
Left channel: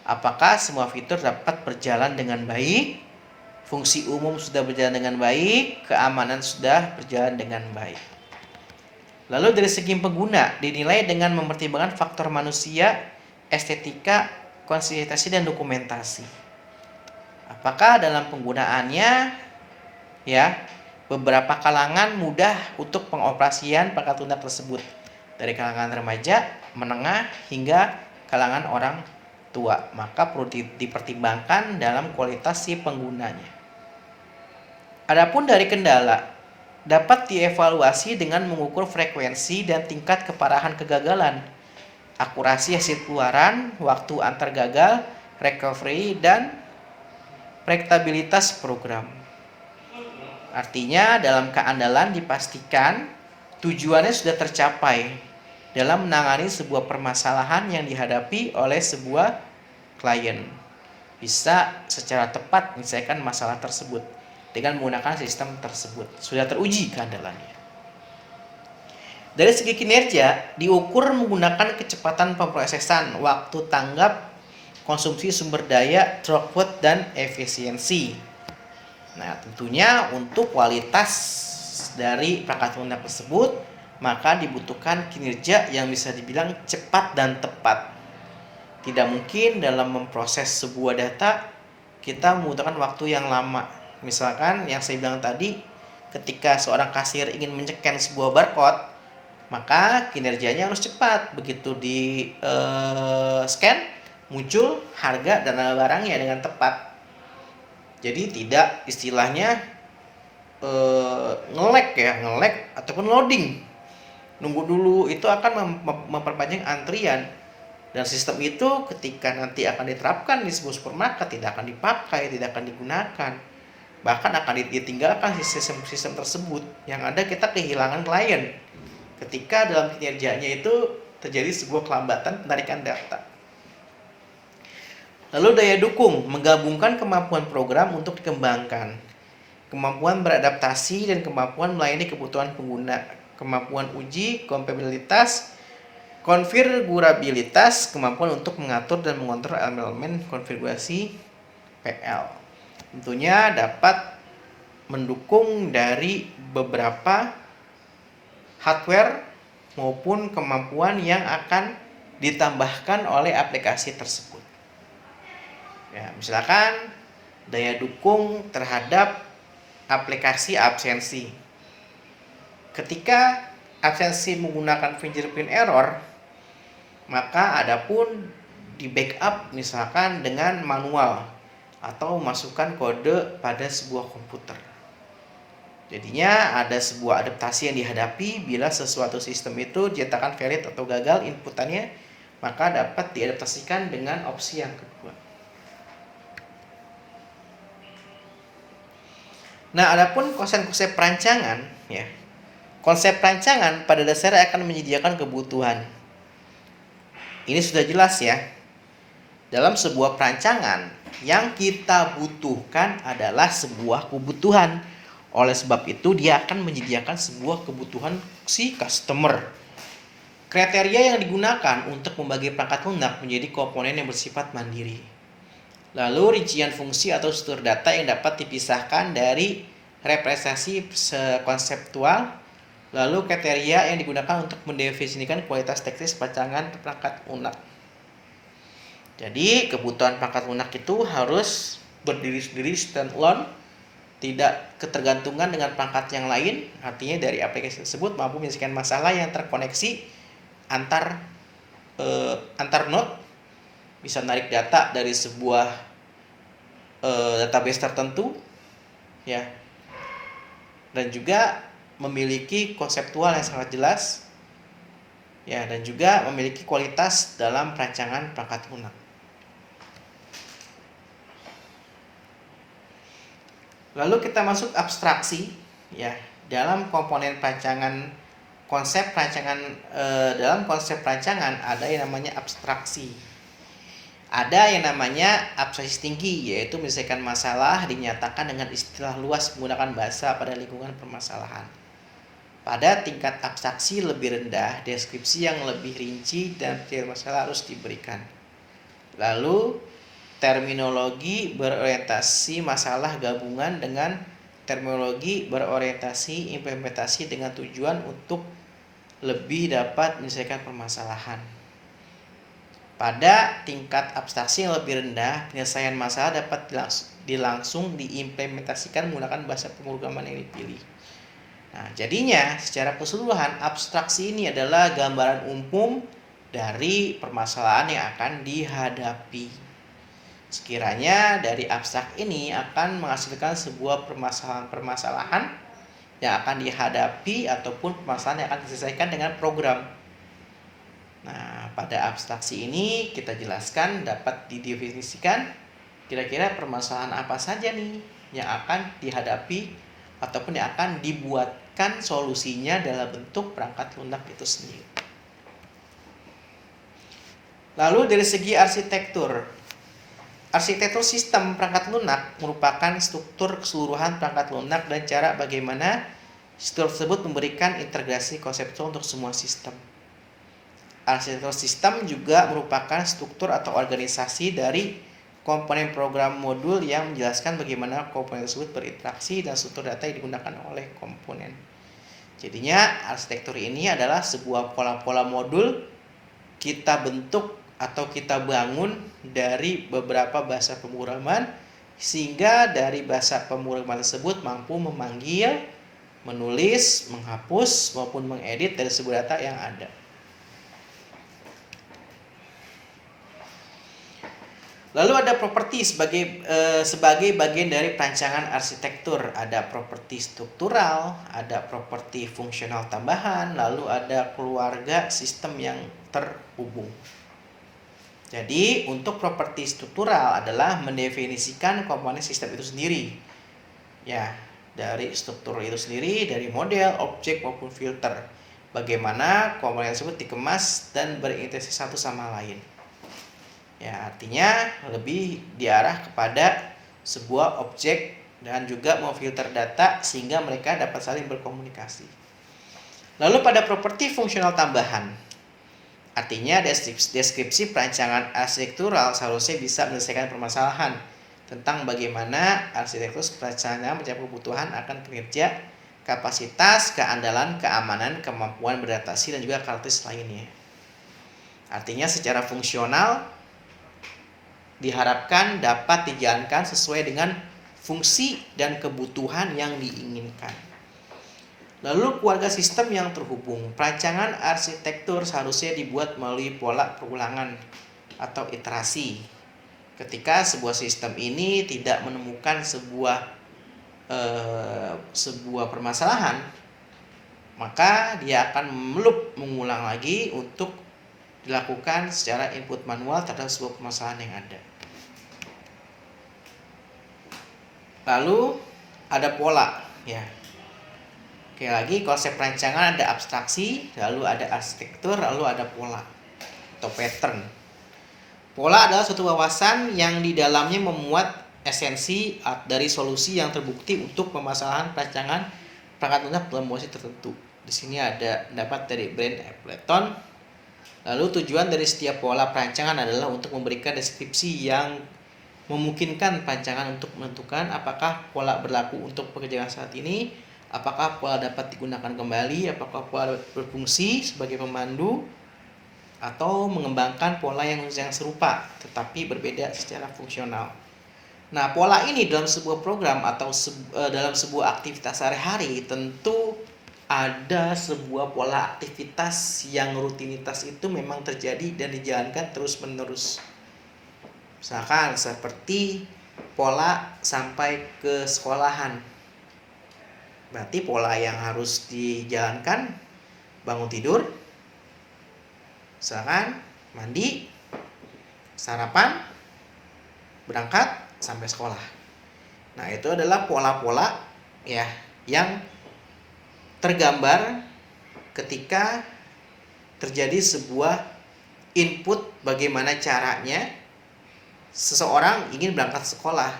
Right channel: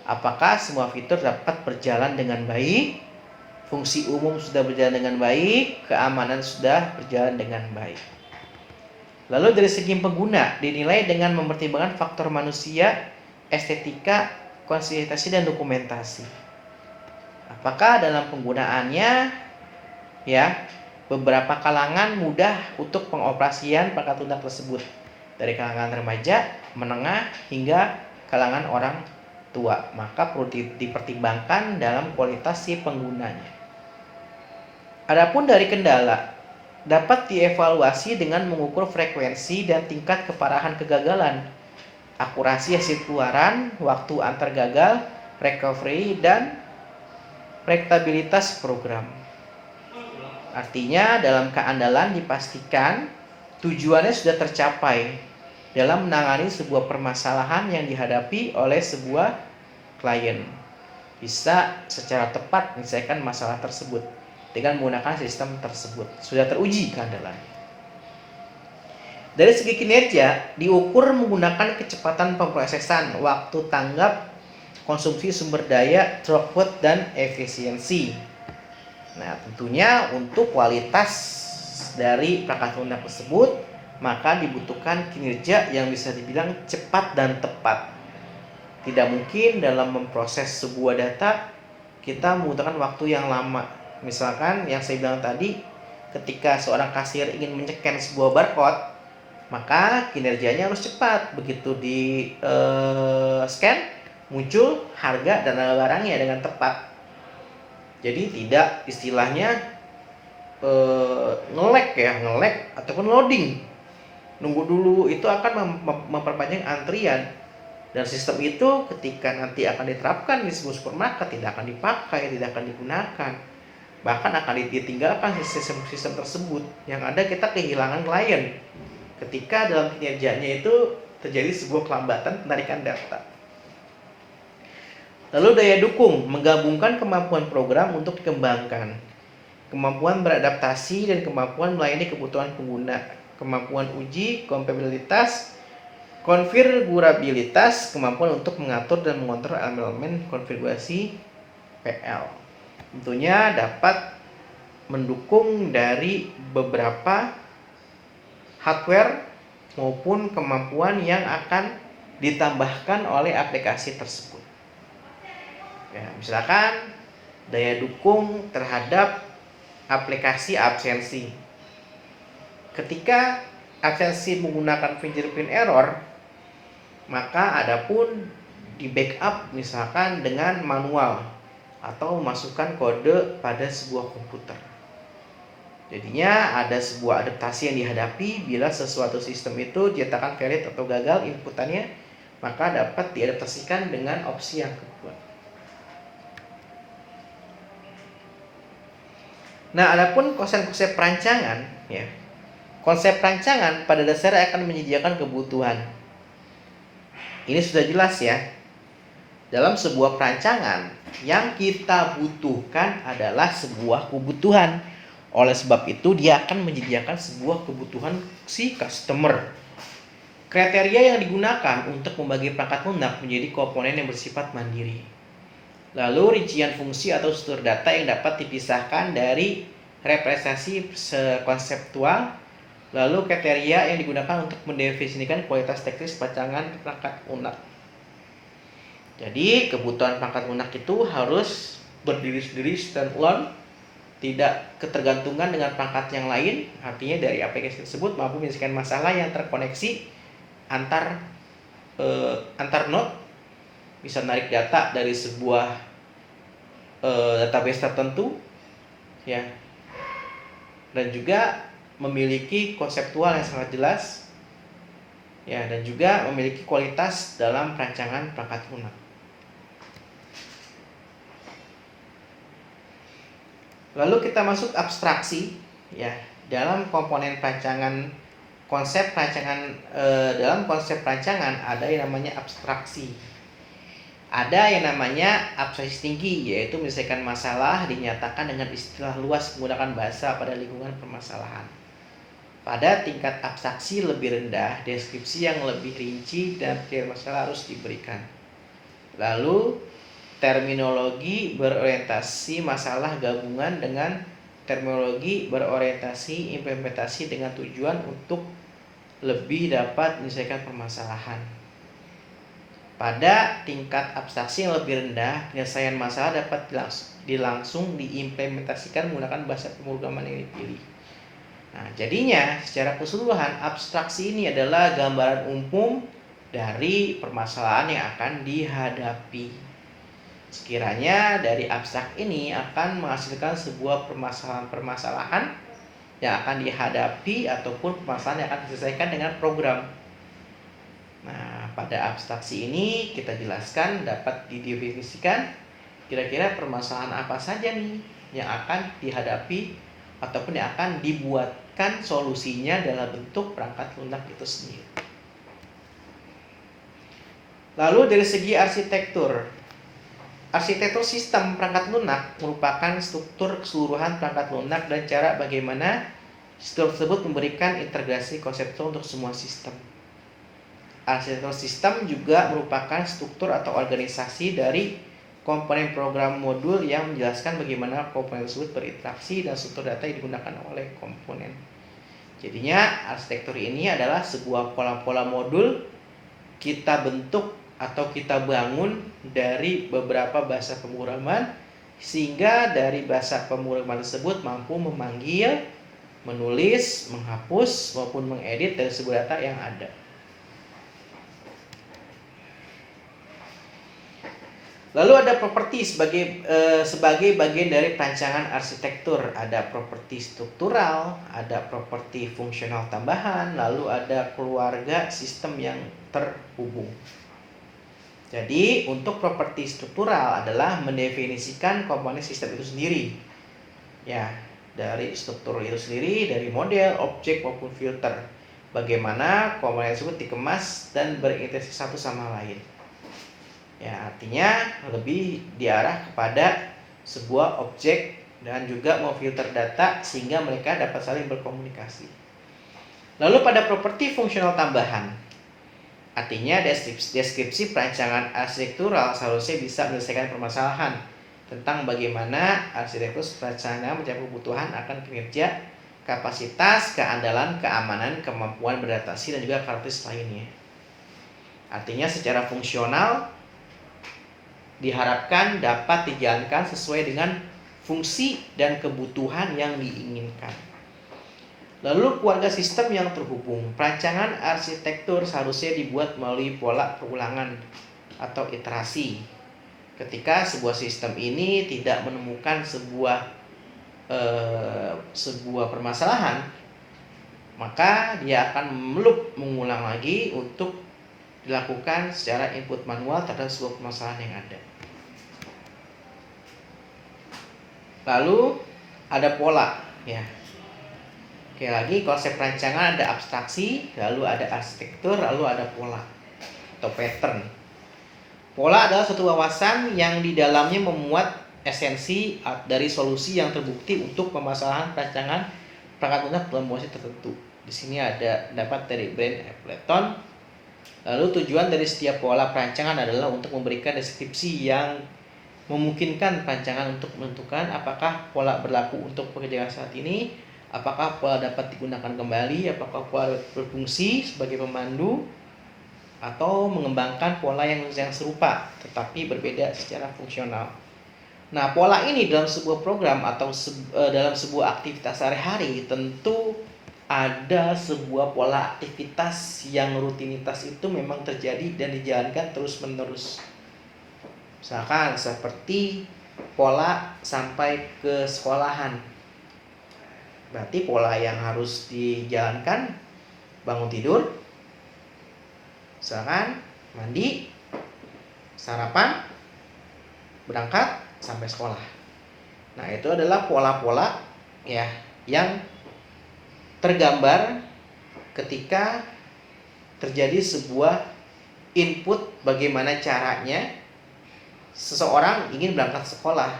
Apakah semua fitur dapat berjalan dengan baik, fungsi umum sudah berjalan dengan baik, keamanan sudah berjalan dengan baik. Lalu dari segi pengguna dinilai dengan mempertimbangkan faktor manusia, estetika, konsistensi dan dokumentasi. Apakah dalam penggunaannya ya beberapa kalangan mudah untuk pengoperasian perangkat lunak tersebut, dari kalangan remaja, menengah hingga kalangan orang tua, maka perlu dipertimbangkan dalam kualitas si penggunanya. Adapun dari kendala dapat dievaluasi dengan mengukur frekuensi dan tingkat keparahan kegagalan, akurasi hasil keluaran, waktu antar gagal, recovery, dan prediktabilitas program. Artinya dalam keandalan dipastikan tujuannya sudah tercapai dalam menangani sebuah permasalahan yang dihadapi oleh sebuah klien. Bisa secara tepat menyelesaikan masalah tersebut dengan menggunakan sistem tersebut. Sudah teruji keandalannya. Dari segi kinerja, diukur menggunakan kecepatan pemrosesan, waktu tanggap, konsumsi sumber daya, throughput, dan efisiensi. Nah, tentunya untuk kualitas dari perangkat lunak tersebut, maka dibutuhkan kinerja yang bisa dibilang cepat dan tepat. Tidak mungkin dalam memproses sebuah data kita membutuhkan waktu yang lama. Misalkan yang saya bilang tadi, ketika seorang kasir ingin menyeken sebuah barcode, maka kinerjanya harus cepat. Begitu di scan, muncul harga dan nama barangnya dengan tepat. Jadi tidak istilahnya nge-lag ataupun loading. Nunggu dulu, itu akan memperpanjang antrian. Dan sistem itu ketika nanti akan diterapkan di sebuah supermarket tidak akan dipakai, tidak akan digunakan. Bahkan akan ditinggalkan sistem tersebut. Yang ada kita kehilangan klien ketika dalam kinerjanya itu terjadi sebuah kelambatan penarikan data. Lalu daya dukung, menggabungkan kemampuan program untuk dikembangkan, kemampuan beradaptasi dan kemampuan melayani kebutuhan pengguna, kemampuan uji kompatibilitas, konfigurabilitas, kemampuan untuk mengatur dan mengontrol elemen konfigurasi PL. Tentunya dapat mendukung dari beberapa hardware maupun kemampuan yang akan ditambahkan oleh aplikasi tersebut. Ya, misalkan daya dukung terhadap aplikasi absensi. Ketika absensi menggunakan fingerprint error, maka adapun di backup misalkan dengan manual atau masukkan kode pada sebuah komputer. Jadinya ada sebuah adaptasi yang dihadapi bila sesuatu sistem itu dinyatakan valid atau gagal inputannya, maka dapat diadaptasikan dengan opsi yang kedua. Nah, adapun konsep-konsep perancangan, ya. Konsep perancangan pada dasarnya akan menyediakan kebutuhan. Ini sudah jelas ya. Dalam sebuah perancangan, yang kita butuhkan adalah sebuah kebutuhan. Oleh sebab itu, dia akan menyediakan sebuah kebutuhan si customer. Kriteria yang digunakan untuk membagi perangkat lunak menjadi komponen yang bersifat mandiri. Lalu rincian fungsi atau struktur data yang dapat dipisahkan dari representasi konseptual. Lalu kriteria yang digunakan untuk mendefinisikan kualitas teknis perancangan perangkat lunak. Jadi kebutuhan perangkat lunak itu harus berdiri sendiri, standalone, tidak ketergantungan dengan perangkat yang lain. Artinya dari aplikasi tersebut mampu menyelesaikan masalah yang terkoneksi antar node, bisa menarik data dari sebuah database tertentu, ya, dan juga memiliki konseptual yang sangat jelas, ya, dan juga memiliki kualitas dalam perancangan perangkat lunak. Lalu kita masuk abstraksi, ya. Dalam komponen perancangan dalam konsep perancangan ada yang namanya abstraksi. Ada yang namanya abstraksi tinggi, yaitu menyelesaikan masalah dinyatakan dengan istilah luas menggunakan bahasa pada lingkungan permasalahan. Pada tingkat abstraksi lebih rendah, deskripsi yang lebih rinci dan pengertian masalah harus diberikan. Lalu terminologi berorientasi masalah gabungan dengan terminologi berorientasi implementasi dengan tujuan untuk lebih dapat menyelesaikan permasalahan. Pada tingkat abstraksi yang lebih rendah, penyelesaian masalah dapat langsung diimplementasikan menggunakan bahasa pemrograman yang dipilih. Nah, jadinya secara keseluruhan abstraksi ini adalah gambaran umum dari permasalahan yang akan dihadapi. Sekiranya dari abstrak ini akan menghasilkan sebuah permasalahan yang akan dihadapi ataupun permasalahan yang akan diselesaikan dengan program. Nah, pada abstraksi ini kita jelaskan dapat didefinisikan kira-kira permasalahan apa saja nih yang akan dihadapi ataupun yang akan dibuatkan solusinya dalam bentuk perangkat lunak itu sendiri. Lalu dari segi arsitektur sistem perangkat lunak merupakan struktur keseluruhan perangkat lunak dan cara bagaimana struktur tersebut memberikan integrasi konseptual untuk semua sistem. Arsitektur sistem juga merupakan struktur atau organisasi dari komponen program modul yang menjelaskan bagaimana komponen tersebut berinteraksi dan struktur data yang digunakan oleh komponen. Jadinya arsitektur ini adalah sebuah pola-pola modul kita bentuk atau kita bangun dari beberapa bahasa pemrograman sehingga dari bahasa pemrograman tersebut mampu memanggil, menulis, menghapus maupun mengedit dari sebuah data yang ada. Lalu ada properti sebagai bagian dari perancangan arsitektur. Ada properti struktural, ada properti fungsional tambahan, lalu ada keluarga sistem yang terhubung. Jadi untuk properti struktural adalah mendefinisikan komponen sistem itu sendiri. Ya, dari struktur itu sendiri, dari model, objek maupun filter. Bagaimana komponen tersebut dikemas dan berinteraksi satu sama lain. Ya, artinya lebih diarah kepada sebuah objek dan juga memfilter data sehingga mereka dapat saling berkomunikasi. Lalu pada properti fungsional tambahan, artinya deskripsi perancangan arsitektural seharusnya bisa menyelesaikan permasalahan tentang bagaimana arsitektur perancangan mencapai kebutuhan akan kinerja, kapasitas, keandalan, keamanan, kemampuan beradaptasi dan juga karakteristik lainnya. Artinya secara fungsional diharapkan dapat dijalankan sesuai dengan fungsi dan kebutuhan yang diinginkan. Lalu keluarga sistem yang terhubung. Perancangan arsitektur seharusnya dibuat melalui pola perulangan atau iterasi. Ketika sebuah sistem ini tidak menemukan sebuah permasalahan, maka dia akan mengulang lagi untuk dilakukan secara input manual terhadap sebuah permasalahan yang ada. Lalu ada pola, ya. Oke, lagi konsep perancangan ada abstraksi, lalu ada arsitektur, lalu ada pola atau pattern. Pola adalah suatu wawasan yang di dalamnya memuat esensi dari solusi yang terbukti untuk permasalahan perancangan perangkat lunak dalam situasi tertentu. Di sini ada pendapat dari Brand Appleton. Lalu tujuan dari setiap pola perancangan adalah untuk memberikan deskripsi yang memungkinkan perancangan untuk menentukan apakah pola berlaku untuk pekerjaan saat ini, apakah pola dapat digunakan kembali, apakah pola berfungsi sebagai pemandu, atau mengembangkan pola yang serupa tetapi berbeda secara fungsional. Nah, pola ini dalam sebuah program atau dalam sebuah aktivitas sehari-hari tentu ada sebuah pola aktivitas yang rutinitas itu memang terjadi dan dijalankan terus-menerus. Misalkan seperti pola sampai ke sekolahan. Berarti pola yang harus dijalankan bangun tidur, misalkan mandi, sarapan, berangkat sampai sekolah. Nah, itu adalah pola-pola ya yang tergambar ketika terjadi sebuah input bagaimana caranya seseorang ingin berangkat sekolah.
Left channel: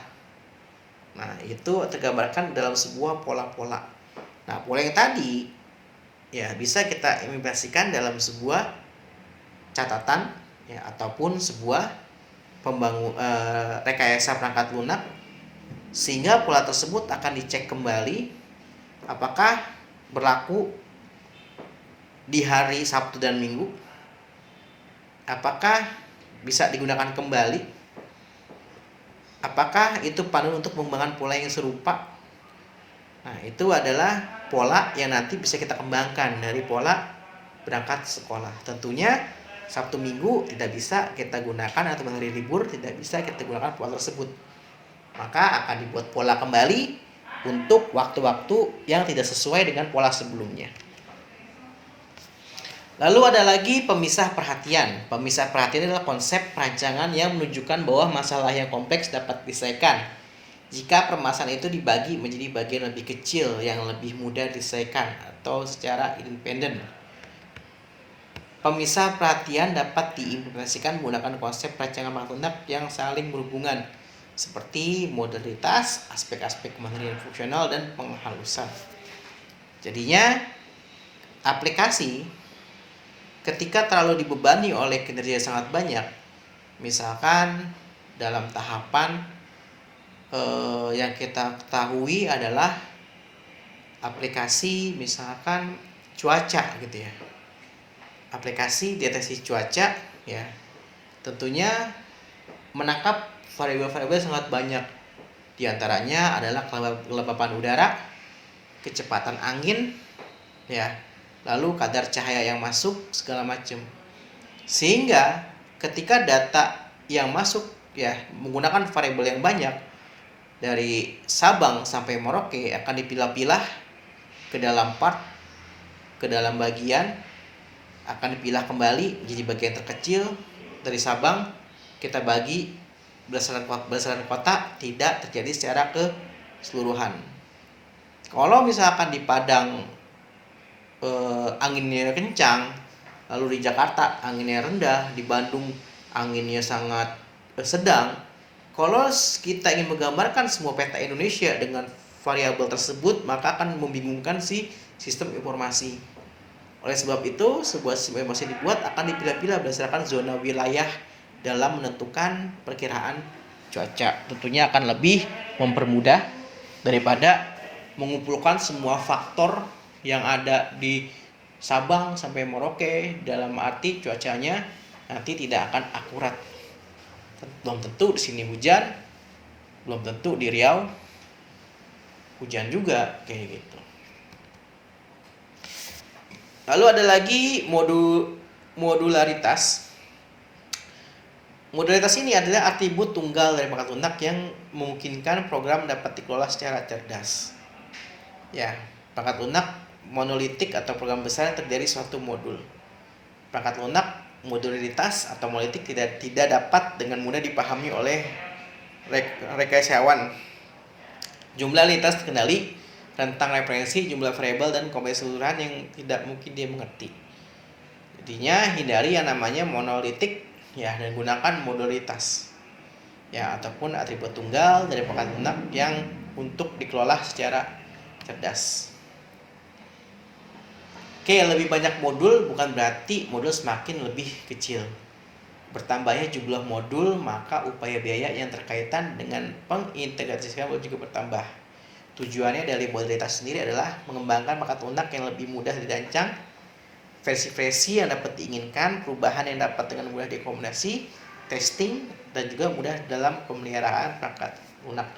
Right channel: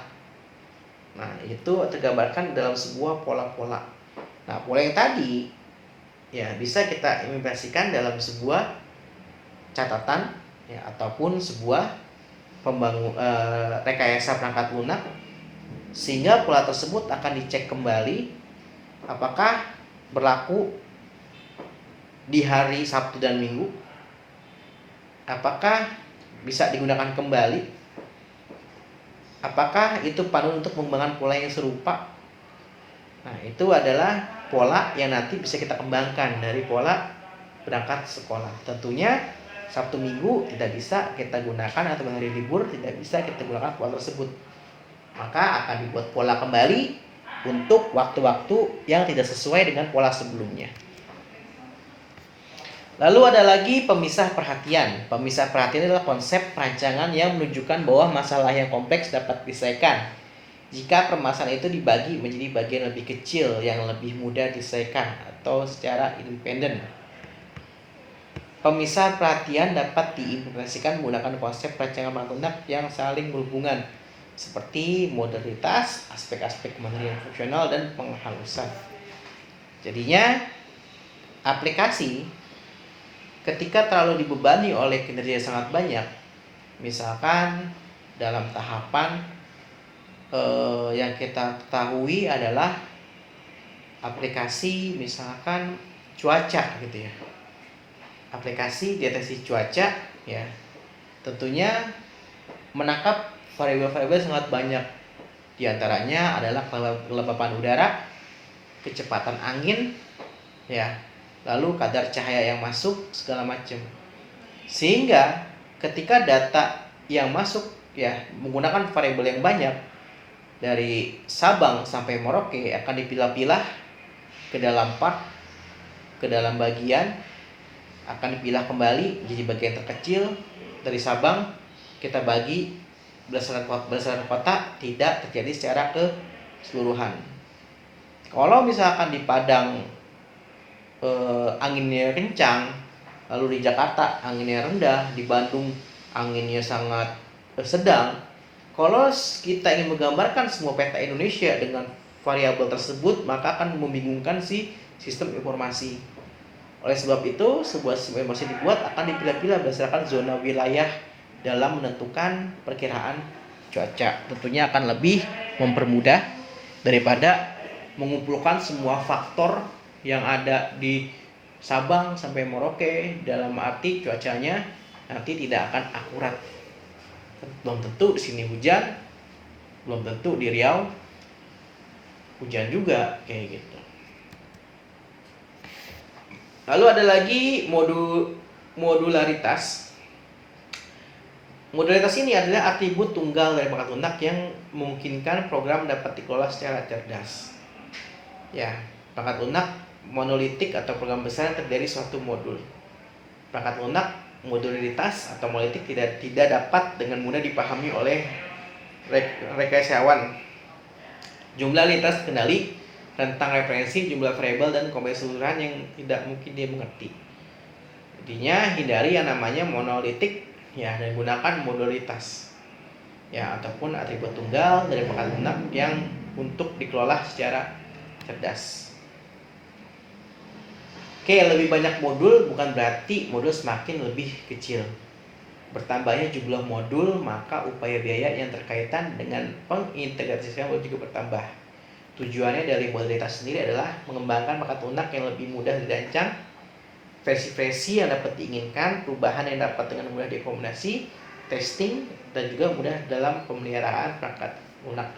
Nah, itu tergambarkan dalam sebuah pola-pola. Nah, pola yang tadi ya bisa kita implementasikan dalam sebuah catatan ya ataupun sebuah rekayasa perangkat lunak, sehingga pola tersebut akan dicek kembali apakah berlaku di hari Sabtu dan Minggu, apakah bisa digunakan kembali, apakah itu panduan untuk pengembangan pola yang serupa. Nah, itu adalah pola yang nanti bisa kita kembangkan dari pola berangkat sekolah. Tentunya Sabtu Minggu tidak bisa kita gunakan atau hari libur tidak bisa kita gunakan pola tersebut. Maka akan dibuat pola kembali untuk waktu-waktu yang tidak sesuai dengan pola sebelumnya. Lalu ada lagi pemisah perhatian. Pemisah perhatian adalah konsep perancangan yang menunjukkan bahwa masalah yang kompleks dapat diselesaikan jika permasalahan itu dibagi menjadi bagian lebih kecil yang lebih mudah diselesaikan atau secara independen. Pemisah perhatian dapat diimplementasikan menggunakan konsep perancangan perangkat lunak yang saling berhubungan seperti modalitas, aspek-aspek kemandirian fungsional, dan penghalusan. Jadinya aplikasi ketika terlalu dibebani oleh kinerja yang sangat banyak, misalkan dalam tahapan yang kita ketahui adalah aplikasi misalkan cuaca gitu ya, aplikasi deteksi cuaca ya, tentunya menangkap variabel-variabel sangat banyak. Di antaranya adalah kelembapan udara, kecepatan angin ya, lalu kadar cahaya yang masuk segala macam. Sehingga ketika data yang masuk ya menggunakan variabel yang banyak dari Sabang sampai Merauke akan dipilah-pilah ke dalam part, ke dalam bagian, akan dipilah kembali menjadi bagian terkecil. Dari Sabang kita bagi berdasarkan kota, tidak terjadi secara keseluruhan. Kalau misalkan di Padang anginnya kencang, lalu di Jakarta anginnya rendah, di Bandung anginnya sangat sedang. Kalau kita ingin menggambarkan semua peta Indonesia dengan variabel tersebut, maka akan membingungkan si sistem informasi. Oleh sebab itu, sebuah sistem informasi dibuat akan dipilah-pilah berdasarkan zona wilayah dalam menentukan perkiraan cuaca. Tentunya akan lebih mempermudah daripada mengumpulkan semua faktor yang ada di Sabang sampai Merauke, dalam arti cuacanya nanti tidak akan akurat. Belum tentu di sini hujan, belum tentu di Riau hujan juga kayak gitu. Lalu ada lagi modularitas. Modalitas ini adalah atribut tunggal dari pangkat lunak yang memungkinkan program dapat dikelola secara cerdas. Ya, pangkat lunak monolitik atau program besar yang terjadi suatu modul. Perangkat lunak modularitas atau monolitik tidak dapat dengan mudah dipahami oleh rekaysawan. Jumlah lintas kendali, rentang referensi, jumlah variabel dan kombinasi keseluruhan yang tidak mungkin dia mengerti. Intinya hindari yang namanya monolitik ya, dan gunakan modularitas ya, ataupun atribut tunggal dari pangkat lunak yang untuk dikelola secara cerdas. Oke, lebih banyak modul bukan berarti modul semakin lebih kecil. Bertambahnya jumlah modul, maka upaya biaya yang terkaitan dengan pengintegrasian juga bertambah. Tujuannya dari modalitas sendiri adalah mengembangkan pangkat lunak yang lebih mudah dirancang, versi-versi yang dapat diinginkan, perubahan yang dapat dengan mudah dikombinasi, testing, dan juga mudah dalam pemeliharaan perangkat lunak.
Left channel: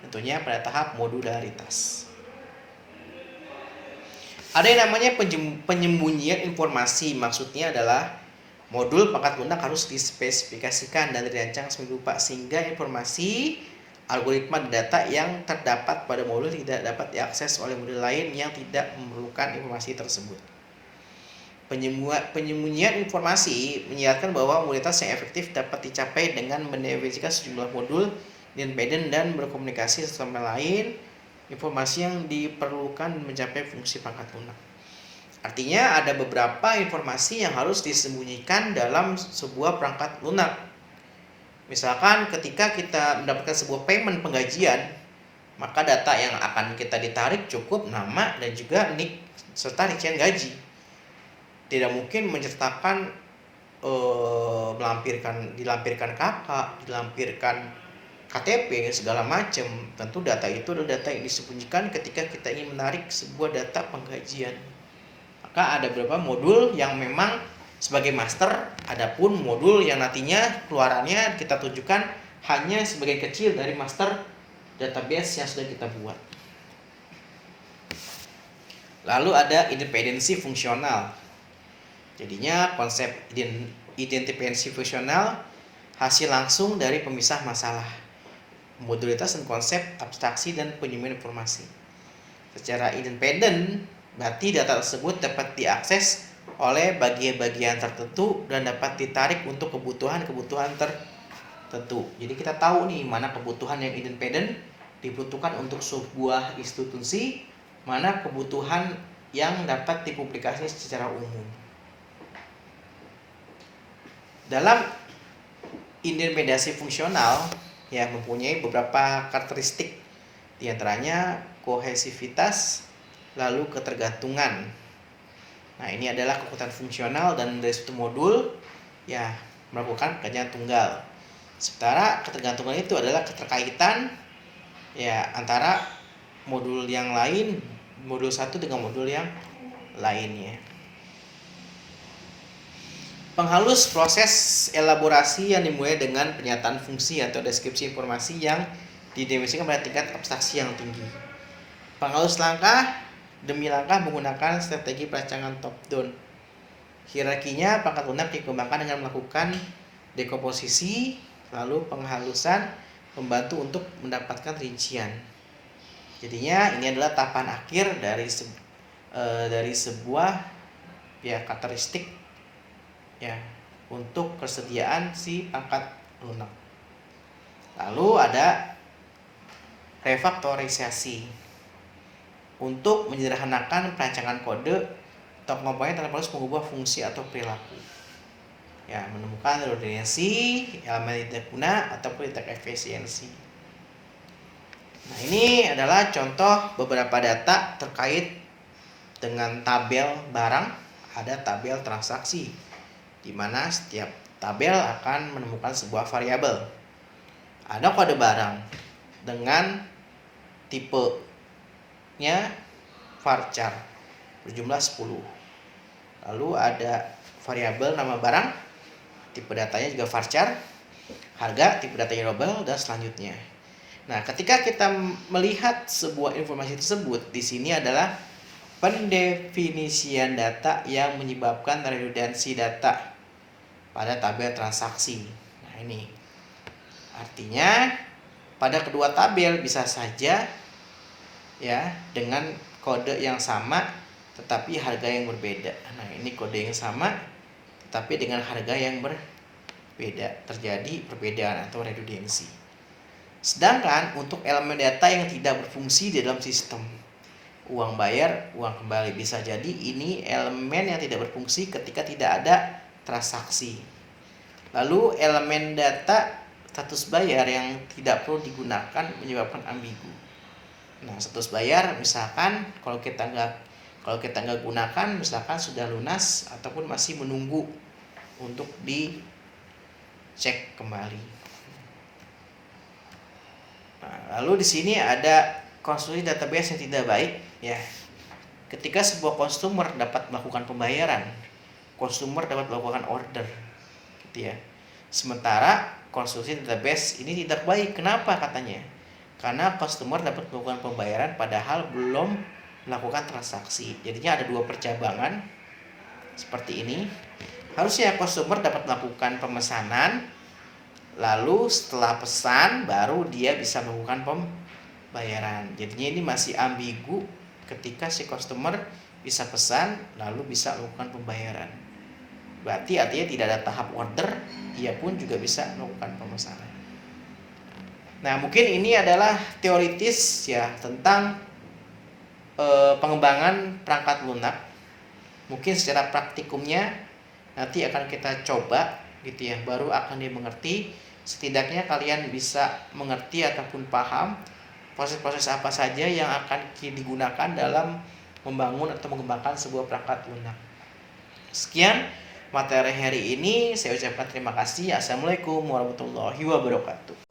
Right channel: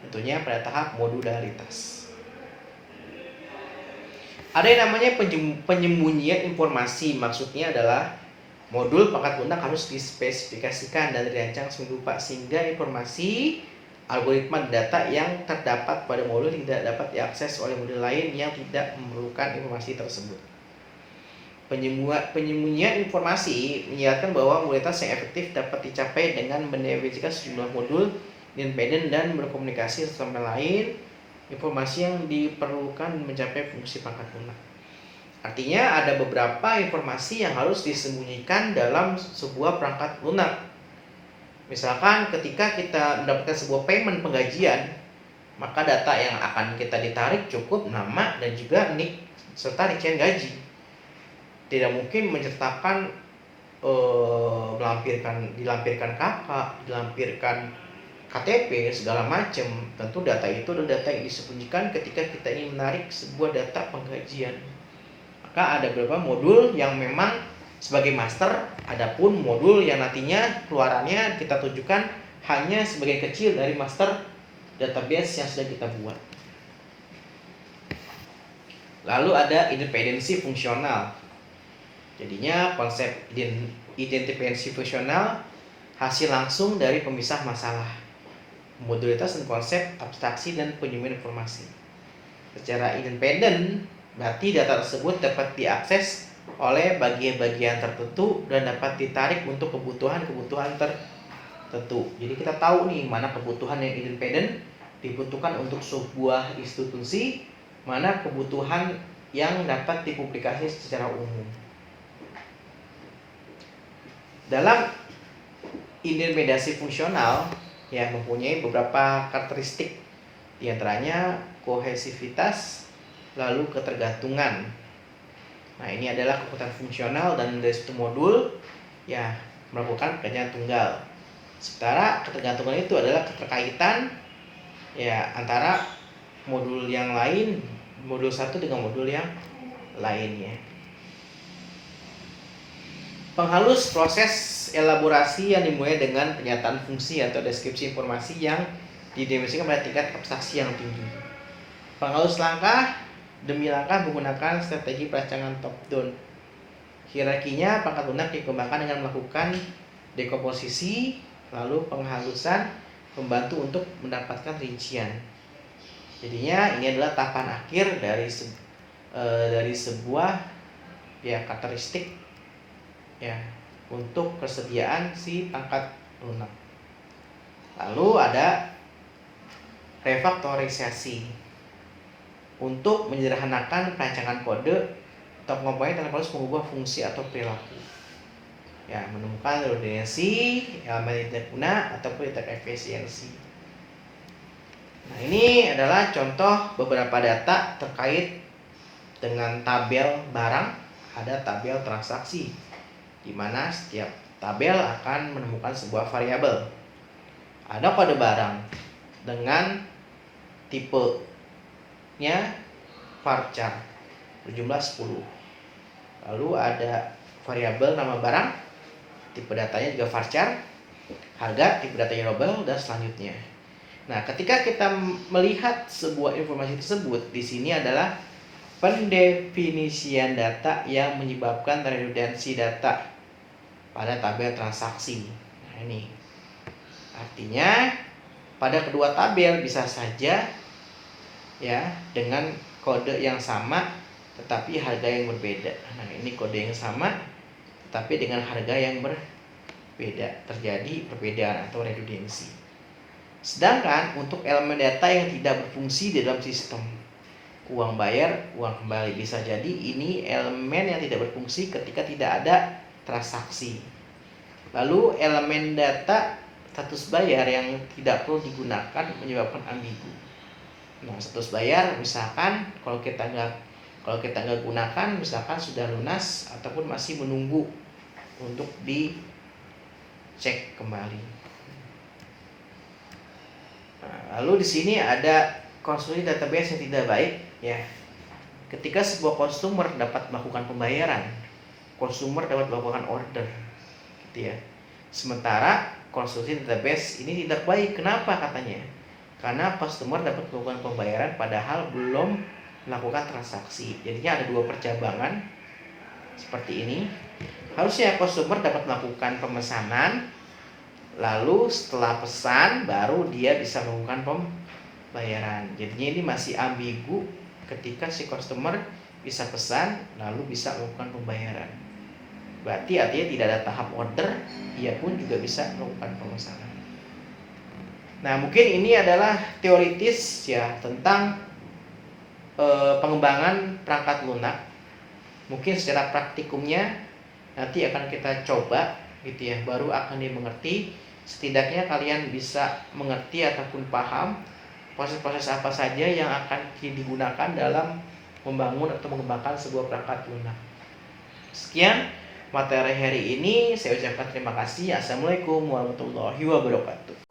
Tentunya pada tahap modularitas. Ada yang namanya penyembunyian informasi. Maksudnya adalah modul pangkat lunak harus dispesifikasikan dan dirancang sedemikian sehingga informasi algoritma data yang terdapat pada modul tidak dapat diakses oleh modul lain yang tidak memerlukan informasi tersebut. Penyembunyian informasi menjelaskan bahwa modalitas yang efektif dapat dicapai dengan mendefinisikan sejumlah modul independen dan berkomunikasi satu sama lain. Informasi yang diperlukan mencapai fungsi pangkat lunak. Artinya ada beberapa informasi yang harus disembunyikan dalam sebuah perangkat lunak. Misalkan ketika kita mendapatkan sebuah payment penggajian, maka data yang akan kita ditarik cukup nama dan juga NIK serta rincian gaji. Tidak mungkin menceritakan dilampirkan kakak, dilampirkan KTP segala macam. Tentu data itu adalah data yang disembunyikan ketika kita ingin menarik sebuah data penggajian. Maka ada beberapa modul yang memang sebagai master, adapun modul yang nantinya keluarannya kita tujukan hanya sebagai kecil dari master database yang sudah kita buat. Lalu ada independensi fungsional. Jadinya konsep independensi fungsional hasil langsung dari pemisah masalah, modularitas dan konsep abstraksi dan penyembunyian informasi. Secara independen, berarti data tersebut dapat diakses oleh bagian-bagian tertentu dan dapat ditarik untuk kebutuhan-kebutuhan tertentu. Jadi kita tahu nih mana kebutuhan yang independen dibutuhkan untuk sebuah institusi, mana kebutuhan yang dapat dipublikasi secara umum. Dalam independensi fungsional ya mempunyai beberapa karakteristik, di antaranya kohesivitas, lalu ketergantungan. Nah, ini adalah kekuatan fungsional dan dari suatu modul ya melakukan pekerjaan tunggal. Sementara ketergantungan itu adalah keterkaitan ya antara modul yang lain, modul satu dengan modul yang lainnya. Penghalus proses elaborasi yang dimulai dengan pernyataan fungsi atau deskripsi informasi yang didefinisikan pada tingkat abstraksi yang tinggi. Penghalus langkah demi langkah menggunakan strategi perancangan top down. Hierarkinya pangkat lunak dikembangkan dengan melakukan dekomposisi, lalu penghalusan membantu untuk mendapatkan rincian. Jadinya ini adalah tahapan akhir dari sebuah ya karakteristik ya untuk persediaan si pangkat lunak. Lalu ada refaktorisasi untuk menyederhanakan perancangan kode atau komponen tanpa harus mengubah fungsi atau perilaku. Ya, menemukan redundansi, elemen tidak guna ataupun tidak efisiensi. Nah, ini adalah contoh beberapa data terkait dengan tabel barang, ada tabel transaksi, di mana setiap tabel akan menemukan sebuah variabel. Ada kode barang dengan tipenya varchar berjumlah 10. Lalu ada variabel nama barang, tipe datanya juga varchar, harga, tipe datanya global, dan selanjutnya. Nah, ketika kita melihat sebuah informasi tersebut, di sini adalah pendefinisian data yang menyebabkan redundansi data pada tabel transaksi. Nah, ini artinya pada kedua tabel bisa saja ya dengan kode yang sama tetapi harga yang berbeda. Nah, ini kode yang sama tetapi dengan harga yang berbeda, terjadi perbedaan atau redundansi. Sedangkan untuk elemen data yang tidak berfungsi di dalam sistem, uang bayar, uang kembali, bisa jadi ini elemen yang tidak berfungsi ketika tidak ada transaksi. Lalu elemen data status bayar yang tidak perlu digunakan menyebabkan ambigu. Nah, status bayar misalkan kalau kita nggak gunakan, misalkan sudah lunas ataupun masih menunggu untuk dicek kembali. Nah, lalu di sini ada konstruksi database yang tidak baik ya. Ketika sebuah customer dapat melakukan pembayaran, customer dapat melakukan order, gitu ya. Sementara konstruksi database ini tidak baik. Kenapa katanya? Karena customer dapat melakukan pembayaran padahal belum melakukan transaksi. Jadinya ada dua percabangan seperti ini. Harusnya customer dapat melakukan pemesanan, lalu setelah pesan baru dia bisa melakukan pembayaran. Jadinya ini masih ambigu ketika si customer bisa pesan lalu bisa melakukan pembayaran. Berarti artinya tidak ada tahap order, ia pun juga bisa melakukan pemesanan. Nah, mungkin ini adalah teoritis ya tentang pengembangan perangkat lunak. Mungkin secara praktikumnya nanti akan kita coba gitu ya, baru akan dimengerti. Setidaknya kalian bisa mengerti ataupun paham proses-proses apa saja yang akan digunakan dalam membangun atau mengembangkan sebuah perangkat lunak. Sekian materi hari ini, saya ucapkan terima kasih. Assalamualaikum warahmatullahi wabarakatuh.